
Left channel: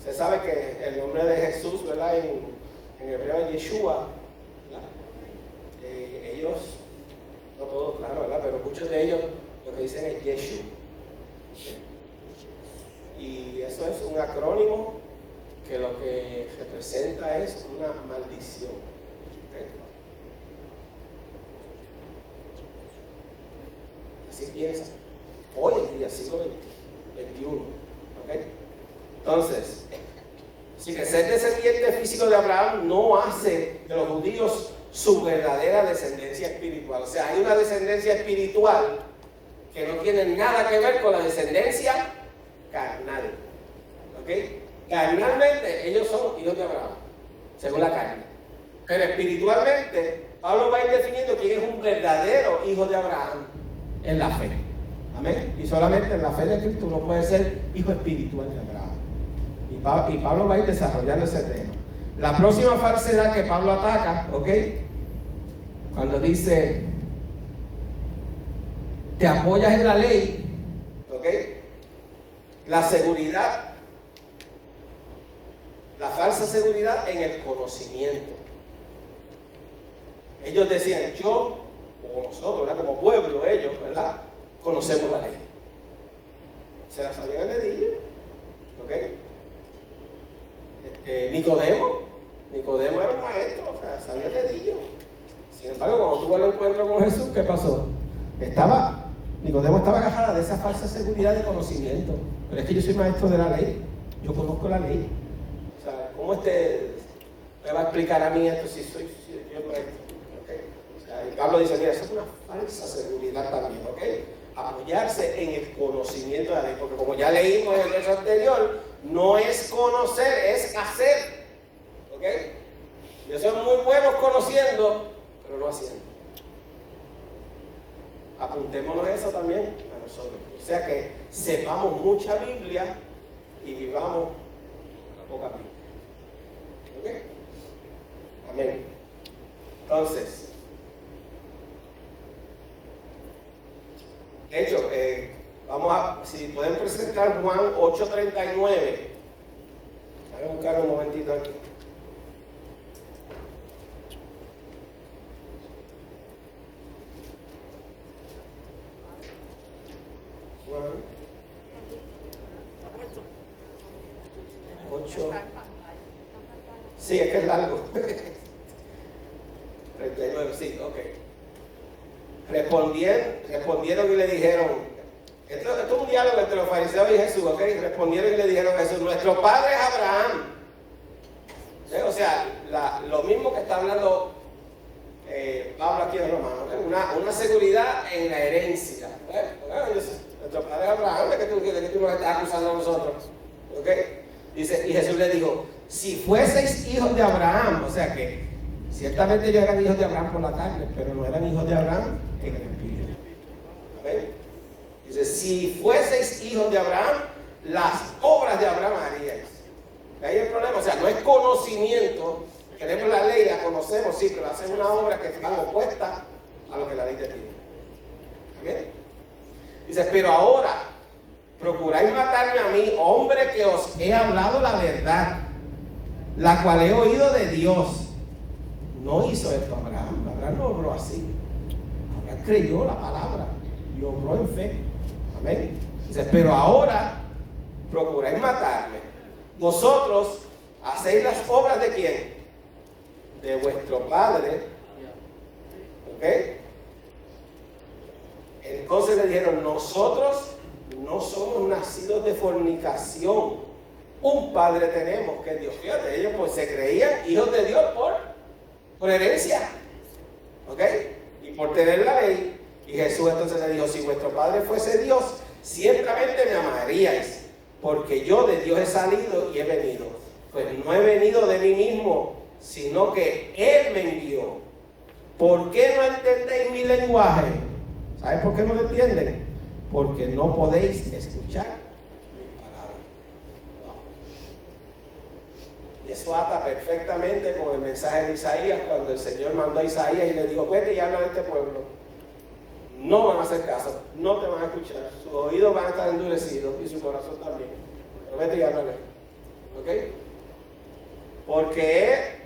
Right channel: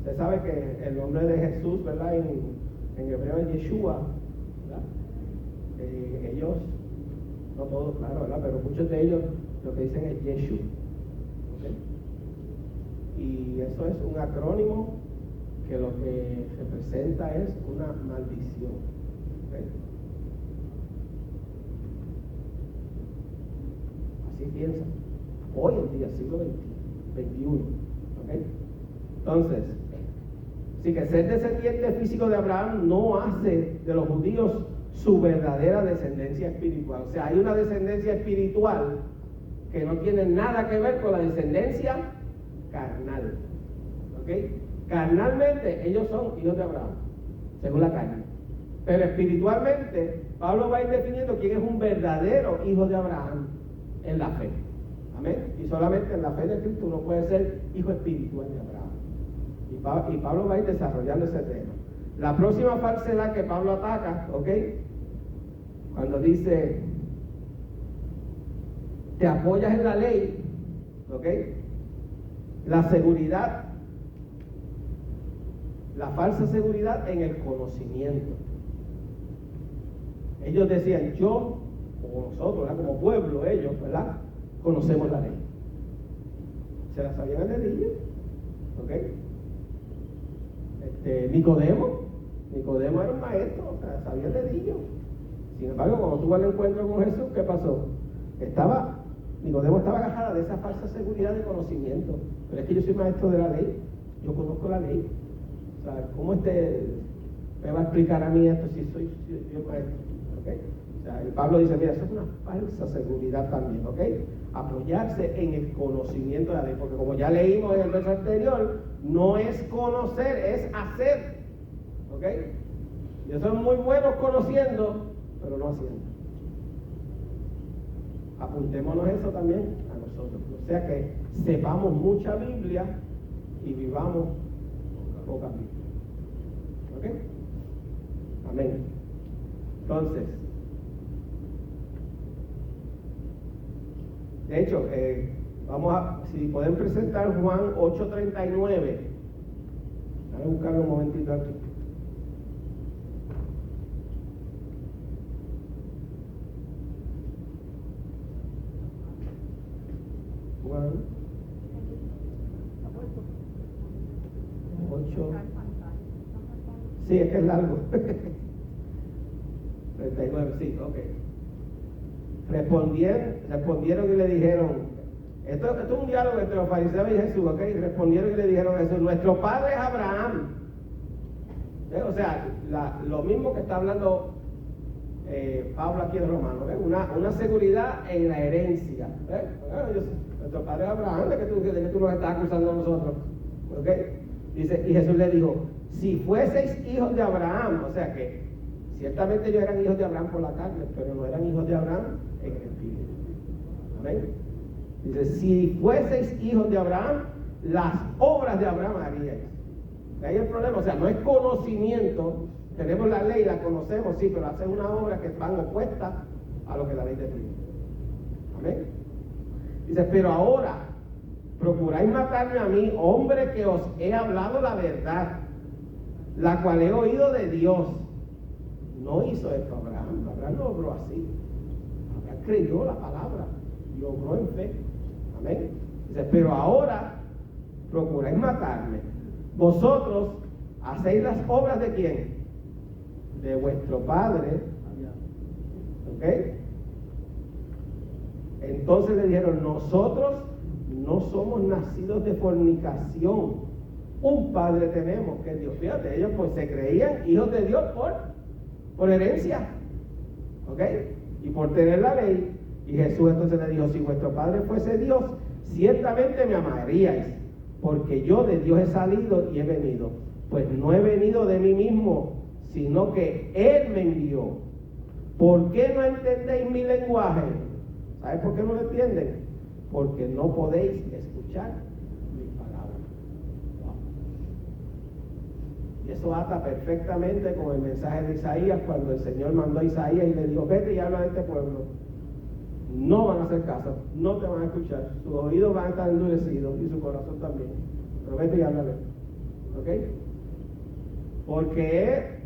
Usted sabe que el nombre de Jesús, ¿verdad? En hebreo es Yeshua, ¿verdad? Ellos, no todos, claro, ¿verdad? Pero muchos de ellos lo que dicen es Yeshua. ¿Okay? Y eso es un acrónimo que lo que representa es una maldición. ¿Okay? Así piensa. Hoy en día, siglo XXI. ¿Okay? Entonces, así que ser descendiente físico de Abraham no hace de los judíos su verdadera descendencia espiritual. O sea, hay una descendencia espiritual que no tiene nada que ver con la descendencia carnal. ¿Ok? Carnalmente ellos son hijos de Abraham, según la carne. Pero espiritualmente, Pablo va a ir definiendo quién es un verdadero hijo de Abraham en la fe. Amén. Y solamente en la fe de Cristo uno puede ser hijo espiritual de Abraham. Y Pablo va a ir desarrollando ese tema. La próxima falsedad que Pablo ataca, ¿ok? Cuando dice, te apoyas en la ley, ¿ok? La seguridad, la falsa seguridad en el conocimiento. Ellos decían, yo, o nosotros, ¿verdad? Como pueblo, ellos, ¿verdad? Conocemos la ley. Se la sabían al dedillo, ¿ok? Nicodemo era un maestro, o sea, sabía el dedillo. Sin embargo, cuando tuvo el encuentro con Jesús, ¿qué pasó? Nicodemo estaba agarrado de esa falsa seguridad de conocimiento. Pero es que yo soy maestro de la ley, yo conozco la ley. O sea, ¿cómo me va a explicar a mí esto si yo soy maestro? ¿Okay? O sea, y Pablo dice, mira, eso es una falsa seguridad también, ¿ok? Apoyarse en el conocimiento de la ley, porque como ya leímos en el verso anterior, no es conocer, es hacer. ¿Ok? Y son muy buenos conociendo, pero no haciendo. Apuntémonos eso también a nosotros. O sea que sepamos mucha Biblia y vivamos poca Biblia. ¿Ok? Amén. Entonces, de hecho, si pueden presentar Juan 8:39. Voy a buscar un momentito aquí. Juan 8. Sí, es que es largo. 39, sí, ok. Respondieron y le dijeron, esto es un diálogo entre los fariseos y Jesús, ¿ok? Respondieron y le dijeron a Jesús, nuestro padre es Abraham. ¿Sí? O sea, lo mismo que está hablando Pablo aquí en Romanos, ¿eh? Una seguridad en la herencia. Nuestro padre es Abraham, ¿de qué tú nos estás acusando a nosotros? ¿Ok? Dice, y Jesús le dijo, si fueseis hijos de Abraham, o sea que ciertamente ellos eran hijos de Abraham por la carne, pero no eran hijos de Abraham en el espíritu. Amén. Dice, si fueseis hijos de Abraham, las obras de Abraham haríais. Ahí el problema, o sea, no es conocimiento. Tenemos la ley, la conocemos, sí, pero hacen una obra que van opuesta a lo que la ley te pide. Amén. Dice, pero ahora procuráis matarme a mí, hombre que os he hablado la verdad, la cual he oído de Dios. No hizo esto Abraham. Abraham no obró así. Abraham creyó la palabra y obró en fe. Amén. Dice, pero ahora procuráis matarme. Vosotros hacéis las obras de quién? De vuestro padre. ¿Ok? Entonces le dijeron, nosotros no somos nacidos de fornicación. Un padre tenemos, que es Dios. Fíjate, ellos pues se creían hijos de Dios por herencia. ¿Ok? Y por tener la ley. Y Jesús entonces le dijo, si vuestro padre fuese Dios, ciertamente me amaríais, porque yo de Dios he salido y he venido. Pues no he venido de mí mismo, sino que Él me envió. ¿Por qué no entendéis mi lenguaje? ¿Sabes por qué no lo entienden? Porque no podéis escuchar mi palabra. Wow. Y eso ata perfectamente con el mensaje de Isaías, cuando el Señor mandó a Isaías y le dijo, vete y habla de este pueblo. No van a hacer caso, no te van a escuchar, sus oídos van a estar endurecidos y su corazón también. Pero vete y háblale. ¿Ok? Porque he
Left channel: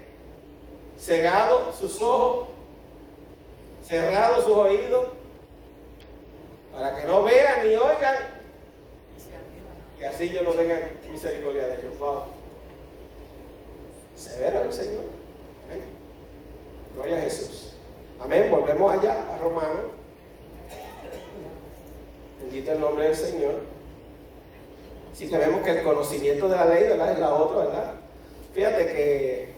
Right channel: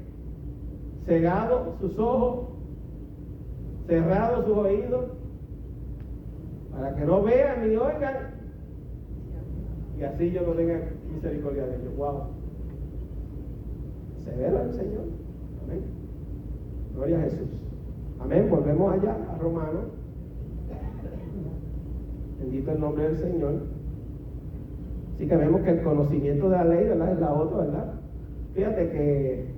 cegado sus ojos, cerrado sus oídos, para que no vean ni oigan, y así yo no tenga misericordia de ellos. Wow. Severo el Señor. Amén. Gloria a Jesús. Amén. Volvemos allá a Romanos. Bendito el nombre del Señor. Así que vemos que el conocimiento de la ley, ¿verdad?, es la otra, ¿verdad? Fíjate que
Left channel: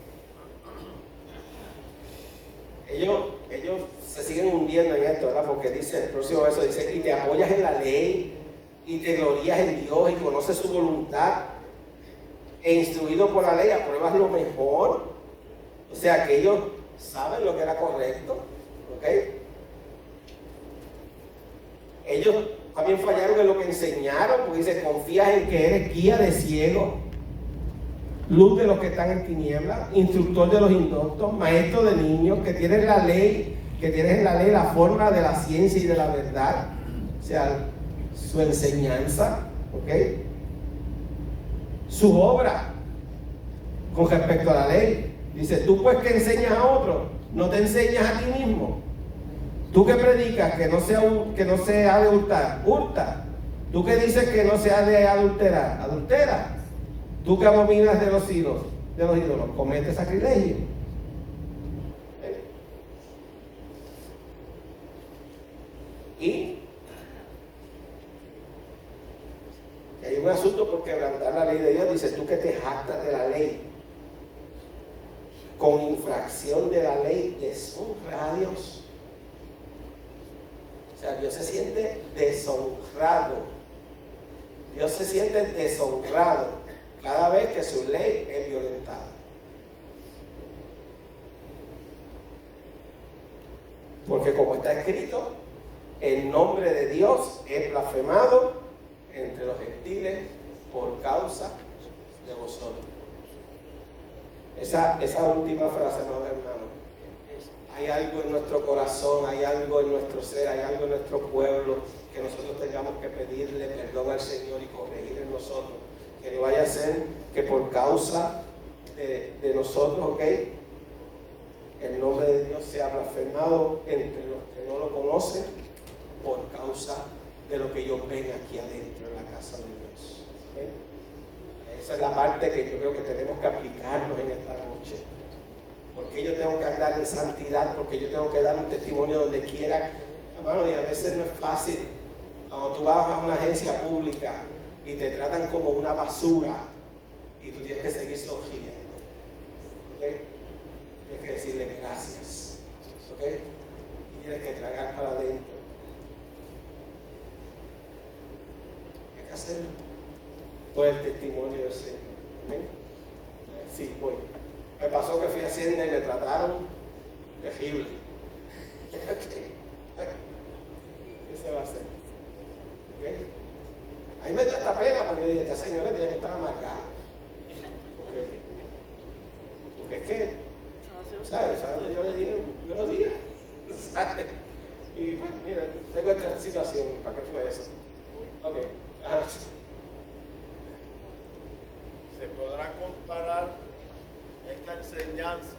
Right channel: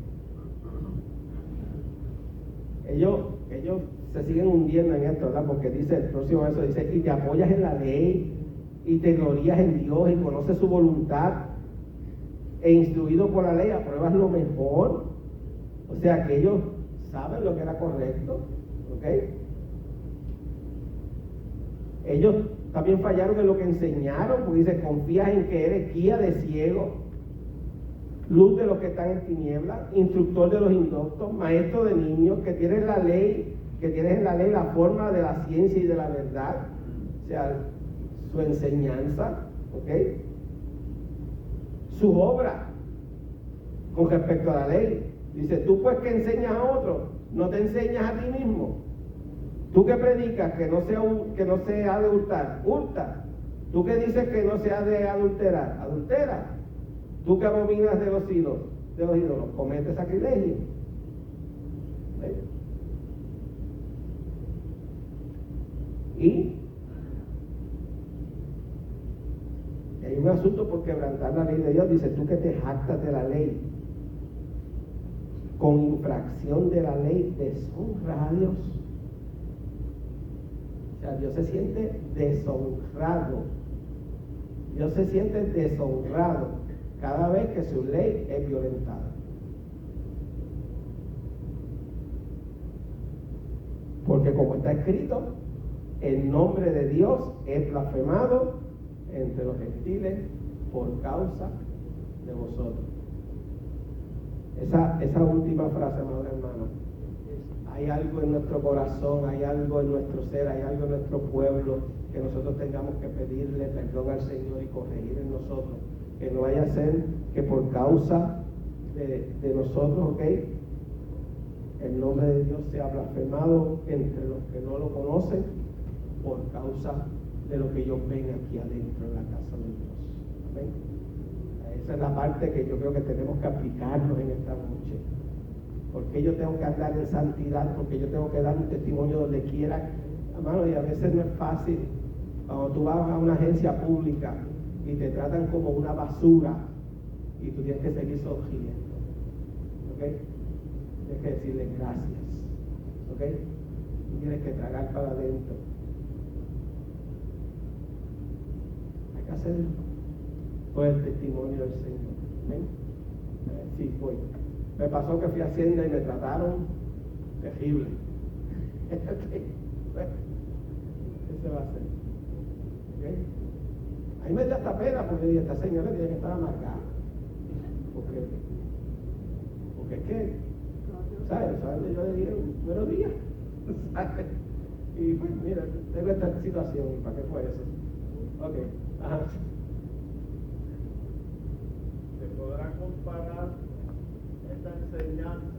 ellos se siguen hundiendo en esto, ¿verdad? Porque dice, el próximo verso dice, y te apoyas en la ley, y te glorías en Dios, y conoces su voluntad, e instruido por la ley, apruebas lo mejor. O sea que ellos saben lo que era correcto, ¿ok? Ellos también fallaron en lo que enseñaron, porque dice, confías en que eres guía de ciegos, luz de los que están en tinieblas, instructor de los indoctos, maestro de niños, que tienes la ley, que tienes en la ley la forma de la ciencia y de la verdad, o sea, su enseñanza, ¿ok? Su obra con respecto a la ley. Dice, tú pues que enseñas a otros, no te enseñas a ti mismo. Tú que predicas que no se ha de hurtar, hurta. Tú que dices que no se ha de adulterar, adultera. Tú que abominas de los ídolos, comete sacrilegio. Y hay un asunto por quebrantar la ley de Dios. Dice, tú que te jactas de la ley, con infracción de la ley, deshonra a Dios. O sea, Dios se siente deshonrado. Dios se siente deshonrado cada vez que su ley es violentada. Porque como está escrito, el nombre de Dios es blasfemado entre los gentiles por causa de vosotros. Esa última frase, amados hermanos, hay algo en nuestro corazón, hay algo en nuestro ser, hay algo en nuestro pueblo que nosotros tengamos que pedirle perdón al Señor y corregir en nosotros. Que no vaya a ser que por causa de nosotros, ¿ok?, el nombre de Dios sea blasfemado entre los que no lo conocen por causa de lo que ellos ven aquí adentro en la casa de Dios. ¿Okay? Esa es la parte que yo creo que tenemos que aplicarnos en esta noche. Porque yo tengo que andar en santidad, porque yo tengo que dar un testimonio donde quiera. Hermano, y a veces no es fácil. Cuando tú vas a una agencia pública y te tratan como una basura y tú tienes que seguir sonriendo. ¿Okay? Tienes que decirle gracias. ¿Ok? Y tienes que tragar para adentro. Hay que hacerlo por el testimonio del Señor. ¿Amén? Sí, voy. Me pasó que fui a Hacienda y me trataron terrible. ¿Qué se va a hacer? ¿Okay? Ahí me dio hasta pena porque dije, esta señora tiene que estar amargada. ¿Ok? porque es que, ¿sabes? Yo le dije, buenos días, ¿sabes? Y pues, mira, tengo esta situación, ¿para qué fue eso? Ok, ajá. Se podrá comparar esta enseñanza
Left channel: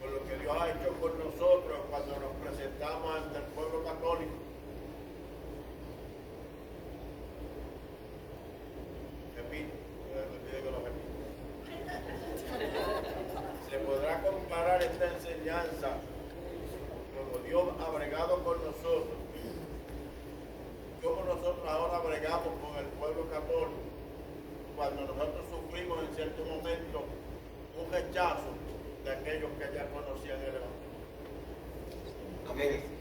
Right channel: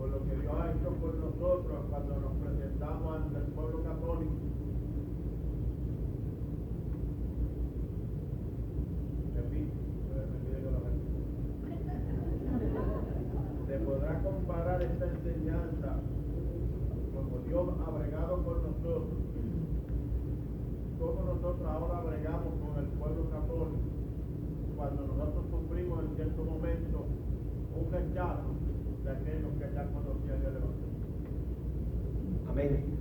con lo que Dios ha hecho por nosotros cuando nos presentamos ante el pueblo católico. Repito, me pide que lo repita. Se podrá comparar esta enseñanza como Dios ha bregado con nosotros, como nosotros ahora bregamos con el pueblo católico cuando nosotros sufrimos en cierto momento un rechazo de aquellos que ya conocían el Evangelio. Amén.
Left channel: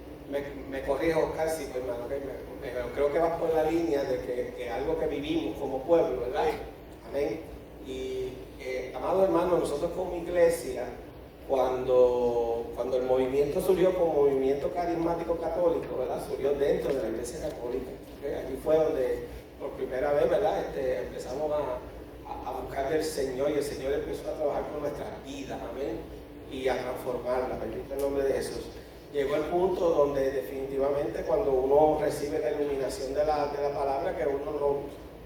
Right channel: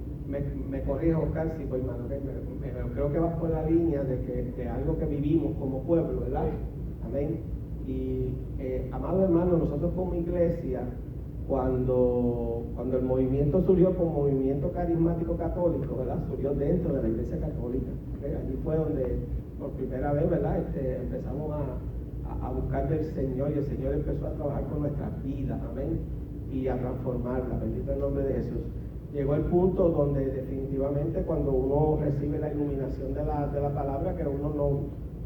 Me corrijo, Oscar, sí, pues, hermano, okay, pero creo que vas por la línea de que algo que vivimos como pueblo, ¿verdad? Amén. Y, amado hermano, nosotros como iglesia, cuando el movimiento surgió como movimiento carismático católico, ¿verdad? Surgió dentro de la iglesia católica. ¿Okay? Allí fue donde por primera vez, ¿verdad? Empezamos a buscar del Señor, y el Señor empezó a trabajar con nuestras vidas, amén, y a transformarla, bendito el nombre de Jesús. Llegó el punto donde definitivamente cuando uno recibe la iluminación de la palabra, que uno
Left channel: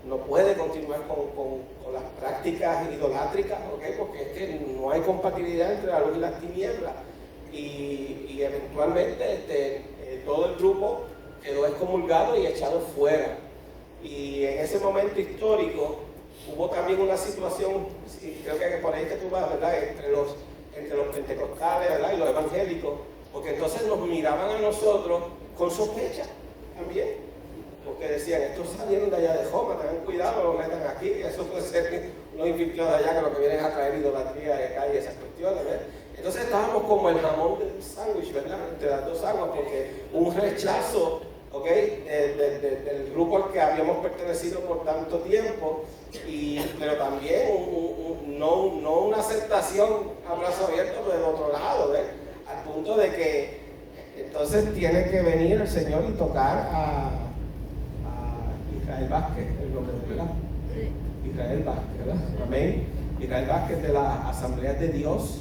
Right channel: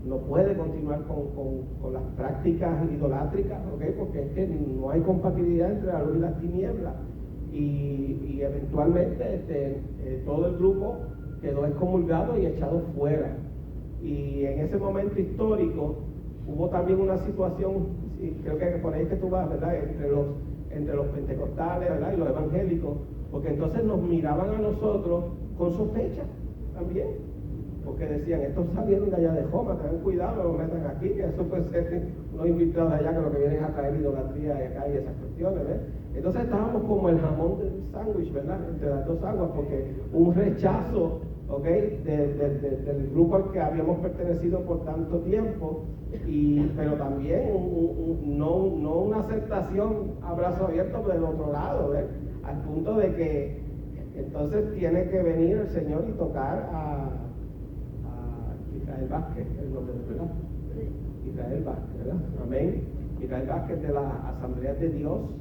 no puede continuar con las prácticas idolátricas, ¿okay? Porque es que no hay compatibilidad entre la luz y las tinieblas, y eventualmente todo el grupo quedó excomulgado y echado fuera. Y en ese momento histórico hubo también una situación, y creo que por ahí que tú vas, ¿verdad? Entre los pentecostales, ¿verdad? Y los evangélicos, porque entonces nos miraban a nosotros con sospecha también, porque decían, estos salieron de allá de Joma, tengan cuidado, lo metan aquí, eso puede ser unos infiltrados de allá que lo que vienen es a traer idolatría de acá y esas cuestiones, ¿verdad? Entonces estábamos como el jamón del sándwich, ¿verdad? Entre las dos aguas, porque un rechazo, ¿ok? Del grupo al que habíamos pertenecido por tanto tiempo, pero también no una aceptación a brazo abierto del otro lado, ¿ves? Al punto de que entonces tiene que venir el Señor y tocar a Israel Vázquez, el nombre de verdad. Israel Vázquez, ¿verdad? Amén. Israel Vázquez de las Asambleas de Dios,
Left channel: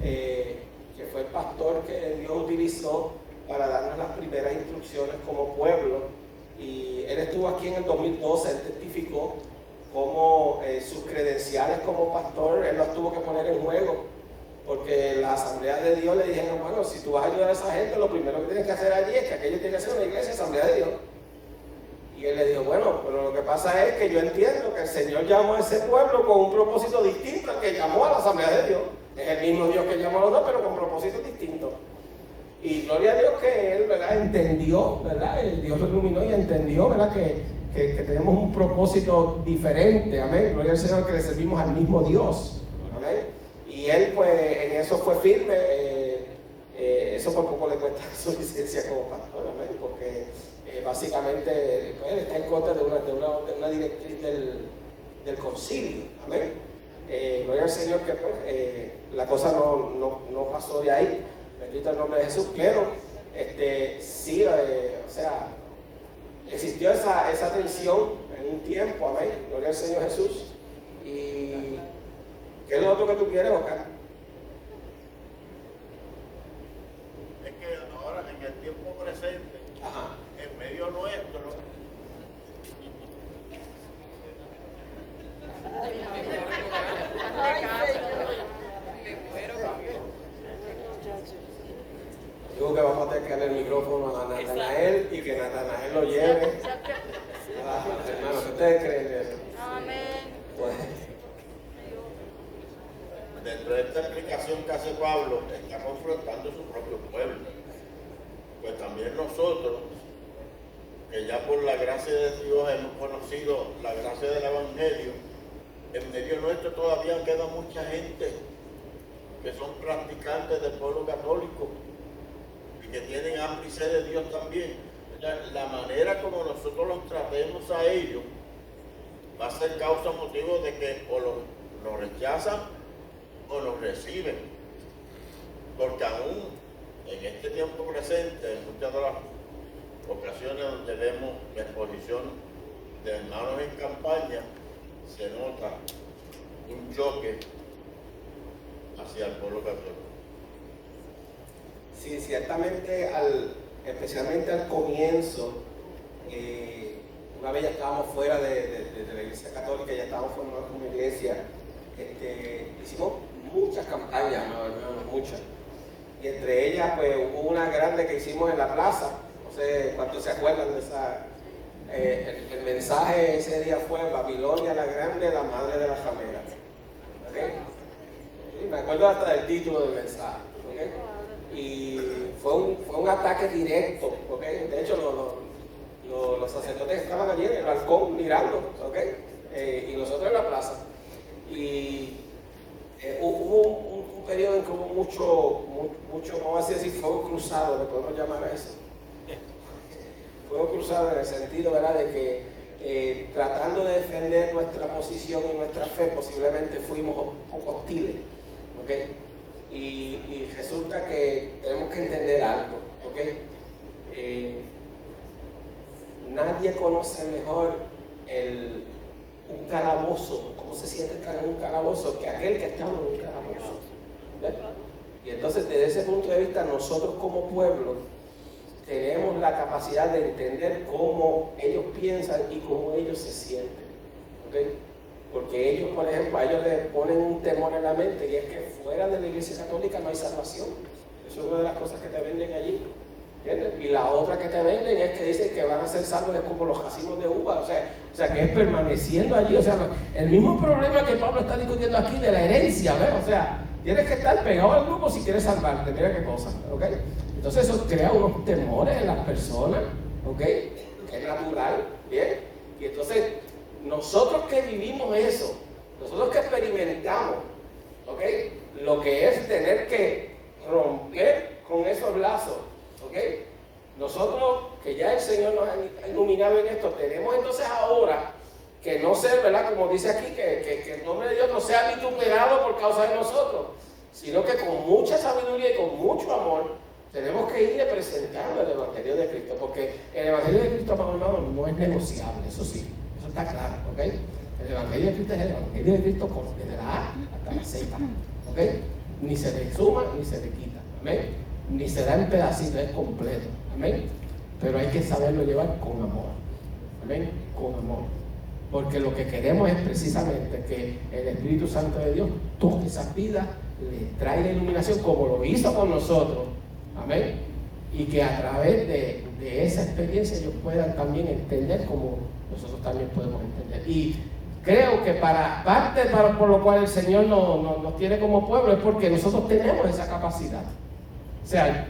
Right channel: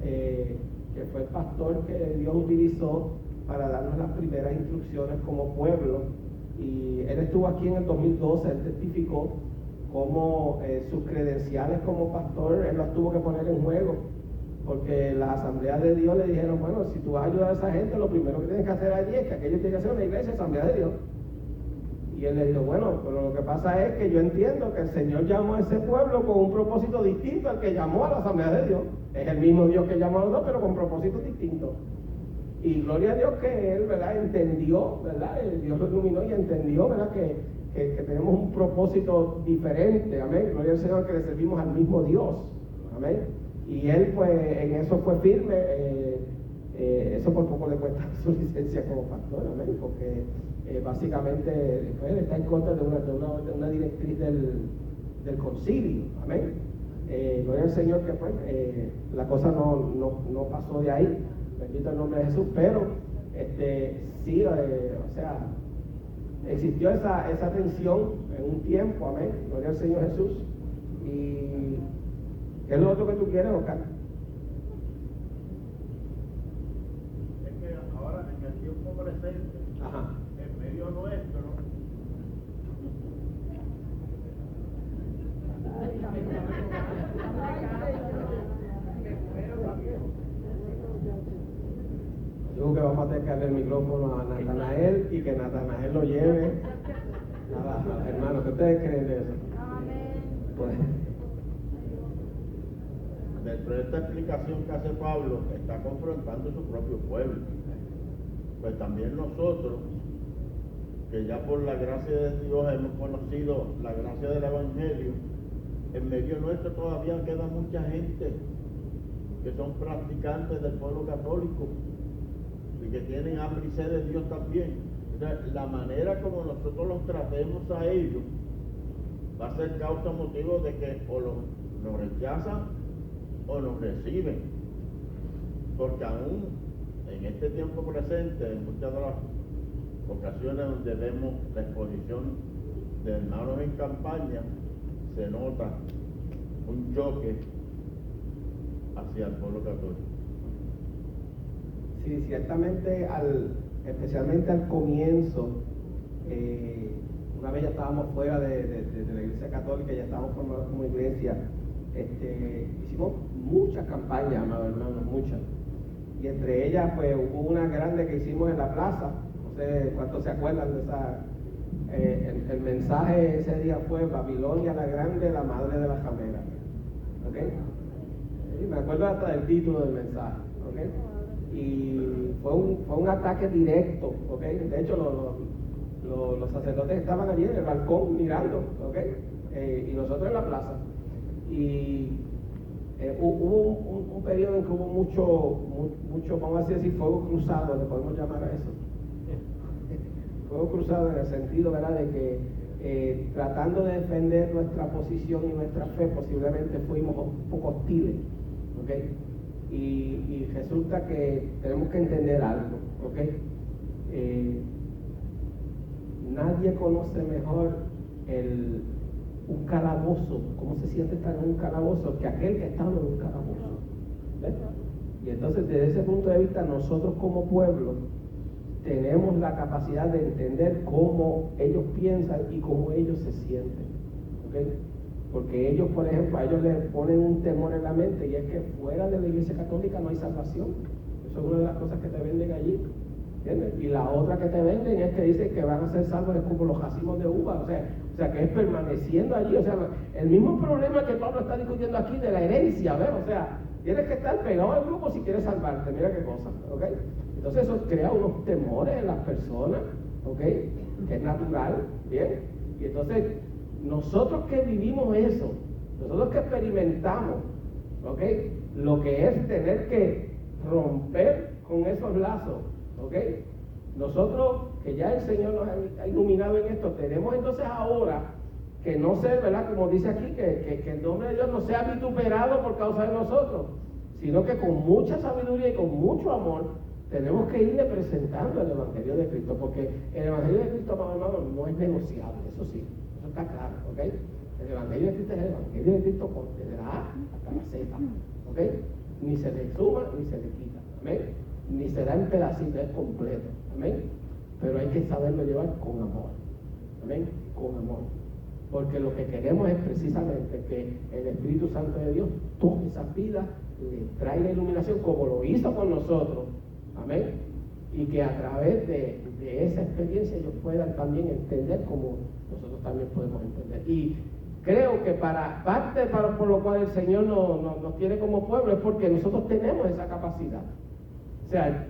que fue el pastor que Dios utilizó para darnos las primeras instrucciones como pueblo. Y él estuvo aquí en el 2012, él testificó cómo sus credenciales como pastor, él las tuvo que poner en juego, porque las asambleas de Dios le dijeron, bueno, si tú vas a ayudar a esa gente, lo primero que tienes que hacer allí es que aquello tiene que ser una iglesia, asamblea de Dios. Y él le dijo, bueno, pero lo que pasa es que yo entiendo que el Señor llamó a ese pueblo con un propósito distinto al que llamó a la asamblea de Dios. Es el mismo Dios que llamó a los dos, pero con propósitos distintos. Y gloria a Dios que él, ¿verdad?, entendió, ¿verdad? Dios lo iluminó y entendió, ¿verdad?, que tenemos un propósito diferente, amén. Gloria al Señor, que le servimos al mismo Dios, amén. Y él, pues, en eso fue firme. Eso por poco le cuesta su licencia como pastor, amén, porque básicamente pues, está en contra de una directriz del concilio, amén. Gloria al Señor que pues la cosa no pasó de ahí, bendito el nombre de Jesús, pero sí, o sea, existió esa tensión en un tiempo, amén, gloria al Señor Jesús. Y ¿qué es lo otro que tú quieres, Oscar? Es que ahora en el tiempo presente, Ajá. en medio nuestro, Digo que vamos a tener que darle el micrófono a Natanael y que Natanael lo lleve a las hermanas. ¿Qué ustedes creen de eso? Amén. Pues, dentro de esta explicación que hace Pablo, está confrontando su propio pueblo. Pues también nosotros, que ya por la gracia de Dios hemos conocido la gracia del Evangelio, en medio nuestro todavía queda mucha gente que son practicantes del pueblo católico y que tienen hambre y sed de Dios también. O sea, la manera como nosotros los tratemos a ellos va a ser causa motivo de que o los rechazan o los reciben, porque aún en este tiempo presente, en muchas de las ocasiones donde vemos la exposición de hermanos en campaña, se nota un choque hacia el pueblo católico. Sí, ciertamente, especialmente al comienzo, una vez ya estábamos fuera de la iglesia católica, ya estábamos formados como iglesia, hicimos muchas campañas, amados hermanos, muchas. Y entre ellas, pues hubo una grande que hicimos en la plaza, no sé cuántos se acuerdan de esa. El mensaje ese día fue: Babilonia la Grande, la madre de las rameras. ¿Okay? Y me acuerdo hasta del título del mensaje. ¿Okay? Y fue un ataque directo. ¿Okay? De hecho, los sacerdotes estaban allí en el balcón mirando. ¿Okay? Y nosotros en la plaza. Y hubo un periodo en que hubo mucho, vamos a decir, fuego cruzado, le podemos llamar a eso. Fuego cruzado en el sentido, ¿verdad?, de que tratando de defender nuestra posición y nuestra fe, posiblemente fuimos un poco hostiles, ¿okay? Y resulta que tenemos que entender algo, ¿okay? Nadie conoce mejor un calabozo, cómo se siente estar en un calabozo, que aquel que ha estado en un calabozo. ¿Ves? Y entonces, desde ese punto de vista, nosotros como pueblo tenemos la capacidad de entender cómo ellos piensan y cómo ellos se sienten. ¿Okay? Porque ellos, por ejemplo, a ellos les ponen un temor en la mente, y es que fuera de la iglesia católica no hay salvación. Eso es una de las cosas que te venden allí. ¿Entiendes? Y la otra que te venden es que dicen que van a ser salvos, es como los racimos de uva, o sea que es permaneciendo allí. O sea, el mismo problema que Pablo está discutiendo aquí de la herencia, ¿ves? O sea, tienes que estar pegado al grupo si quieres salvarte. Mira qué cosa, ¿ok? Entonces eso crea unos temores en las personas, ¿ok? Que es natural, ¿bien? Y entonces, nosotros que vivimos eso, nosotros que experimentamos, ¿ok? Lo que es tener que romper con esos lazos, ¿ok? Nosotros, que ya el Señor nos ha iluminado en esto, tenemos entonces ahora que no ser, ¿verdad? Como dice aquí, que el nombre de Dios no sea vituperado por causa de nosotros, sino que con mucha sabiduría y con mucho amor tenemos que irle presentando el Evangelio de Cristo, porque el Evangelio de Cristo, hermano, no es negociable, eso sí, eso está claro, ¿ok? El Evangelio de Cristo es el Evangelio de Cristo desde la A hasta la Z, ¿ok? Ni se le suma ni se le quita, amén, ni se da en pedacitos, es completo, amén, pero hay que saberlo llevar con amor, amén, con amor, porque lo que queremos es precisamente que el Espíritu Santo de Dios toque esas vidas, le traiga iluminación como lo hizo con nosotros. Amén. Y que a través de esa experiencia ellos puedan también entender como nosotros también podemos entender. Y creo que por lo cual el Señor nos tiene como pueblo es porque nosotros tenemos esa capacidad. O sea,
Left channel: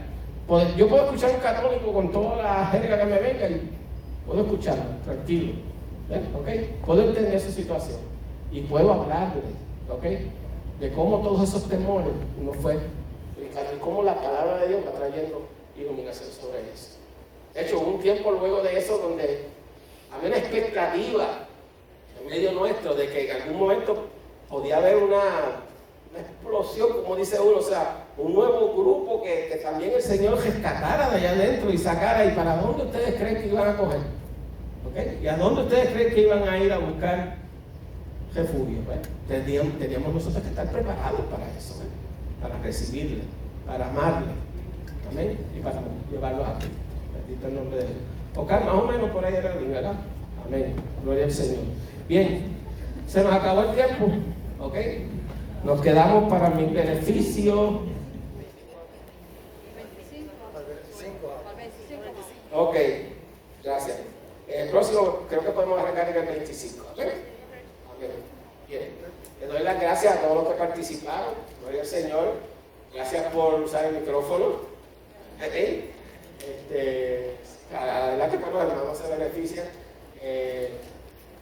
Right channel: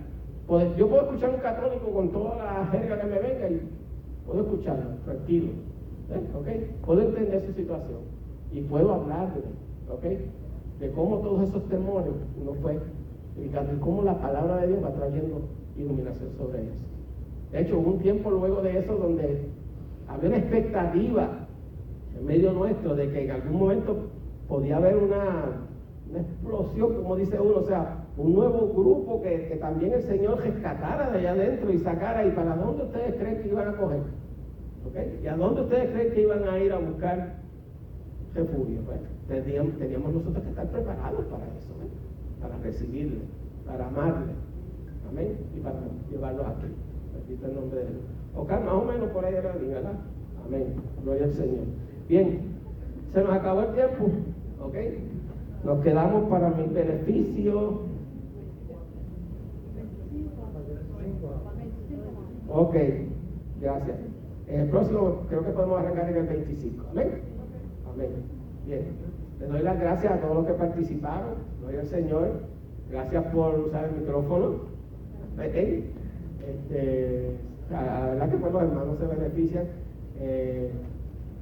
yo puedo escuchar a un católico con toda la jerga que me venga y puedo escucharlo, tranquilo. ¿Okay? Puedo entender su situación y puedo hablarle, ¿okay? De cómo todos esos temores uno fue y cómo la palabra de Dios va trayendo iluminación sobre eso. De hecho, hubo un tiempo luego de eso donde había una expectativa en medio nuestro de que en algún momento podía haber una explosión, como dice uno, o sea, un nuevo grupo que también el Señor rescatara de allá adentro y sacara. ¿Y para dónde ustedes creen que iban a coger? ¿Okay? ¿Y a dónde ustedes creen que iban a ir a buscar refugio? Teníamos nosotros que estar preparados para eso, para recibirle, para amarle, amén, y para llevarlos a Cristo. Bendito el nombre de Dios. Ok, más o menos por ahí era bien, ¿verdad? Amén, gloria al Señor. Bien, se nos acabó el tiempo, ok, nos quedamos para mi beneficio. 25. Ok, gracias. El próximo creo que podemos arrancar en el 25, amén. Amén. Bien, les doy las gracias a todos los que participaron, gloria al Señor. Gracias por usar el micrófono. La verdad que pues, los hermanos se benefician.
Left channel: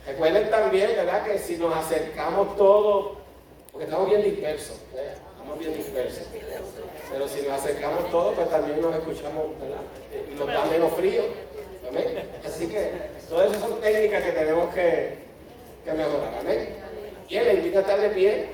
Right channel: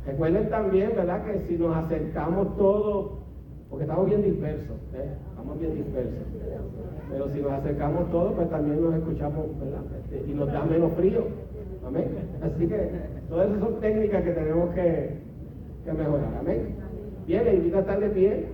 Recuerden también, ¿verdad?, que si nos acercamos todos, porque estamos bien dispersos, estamos bien dispersos, pero si nos acercamos todos, pues también nos escuchamos, ¿verdad? Y nos da menos frío. Amén. Así que todas esas son técnicas que tenemos que mejorar. Amén. Bien, le invito a estar de pie.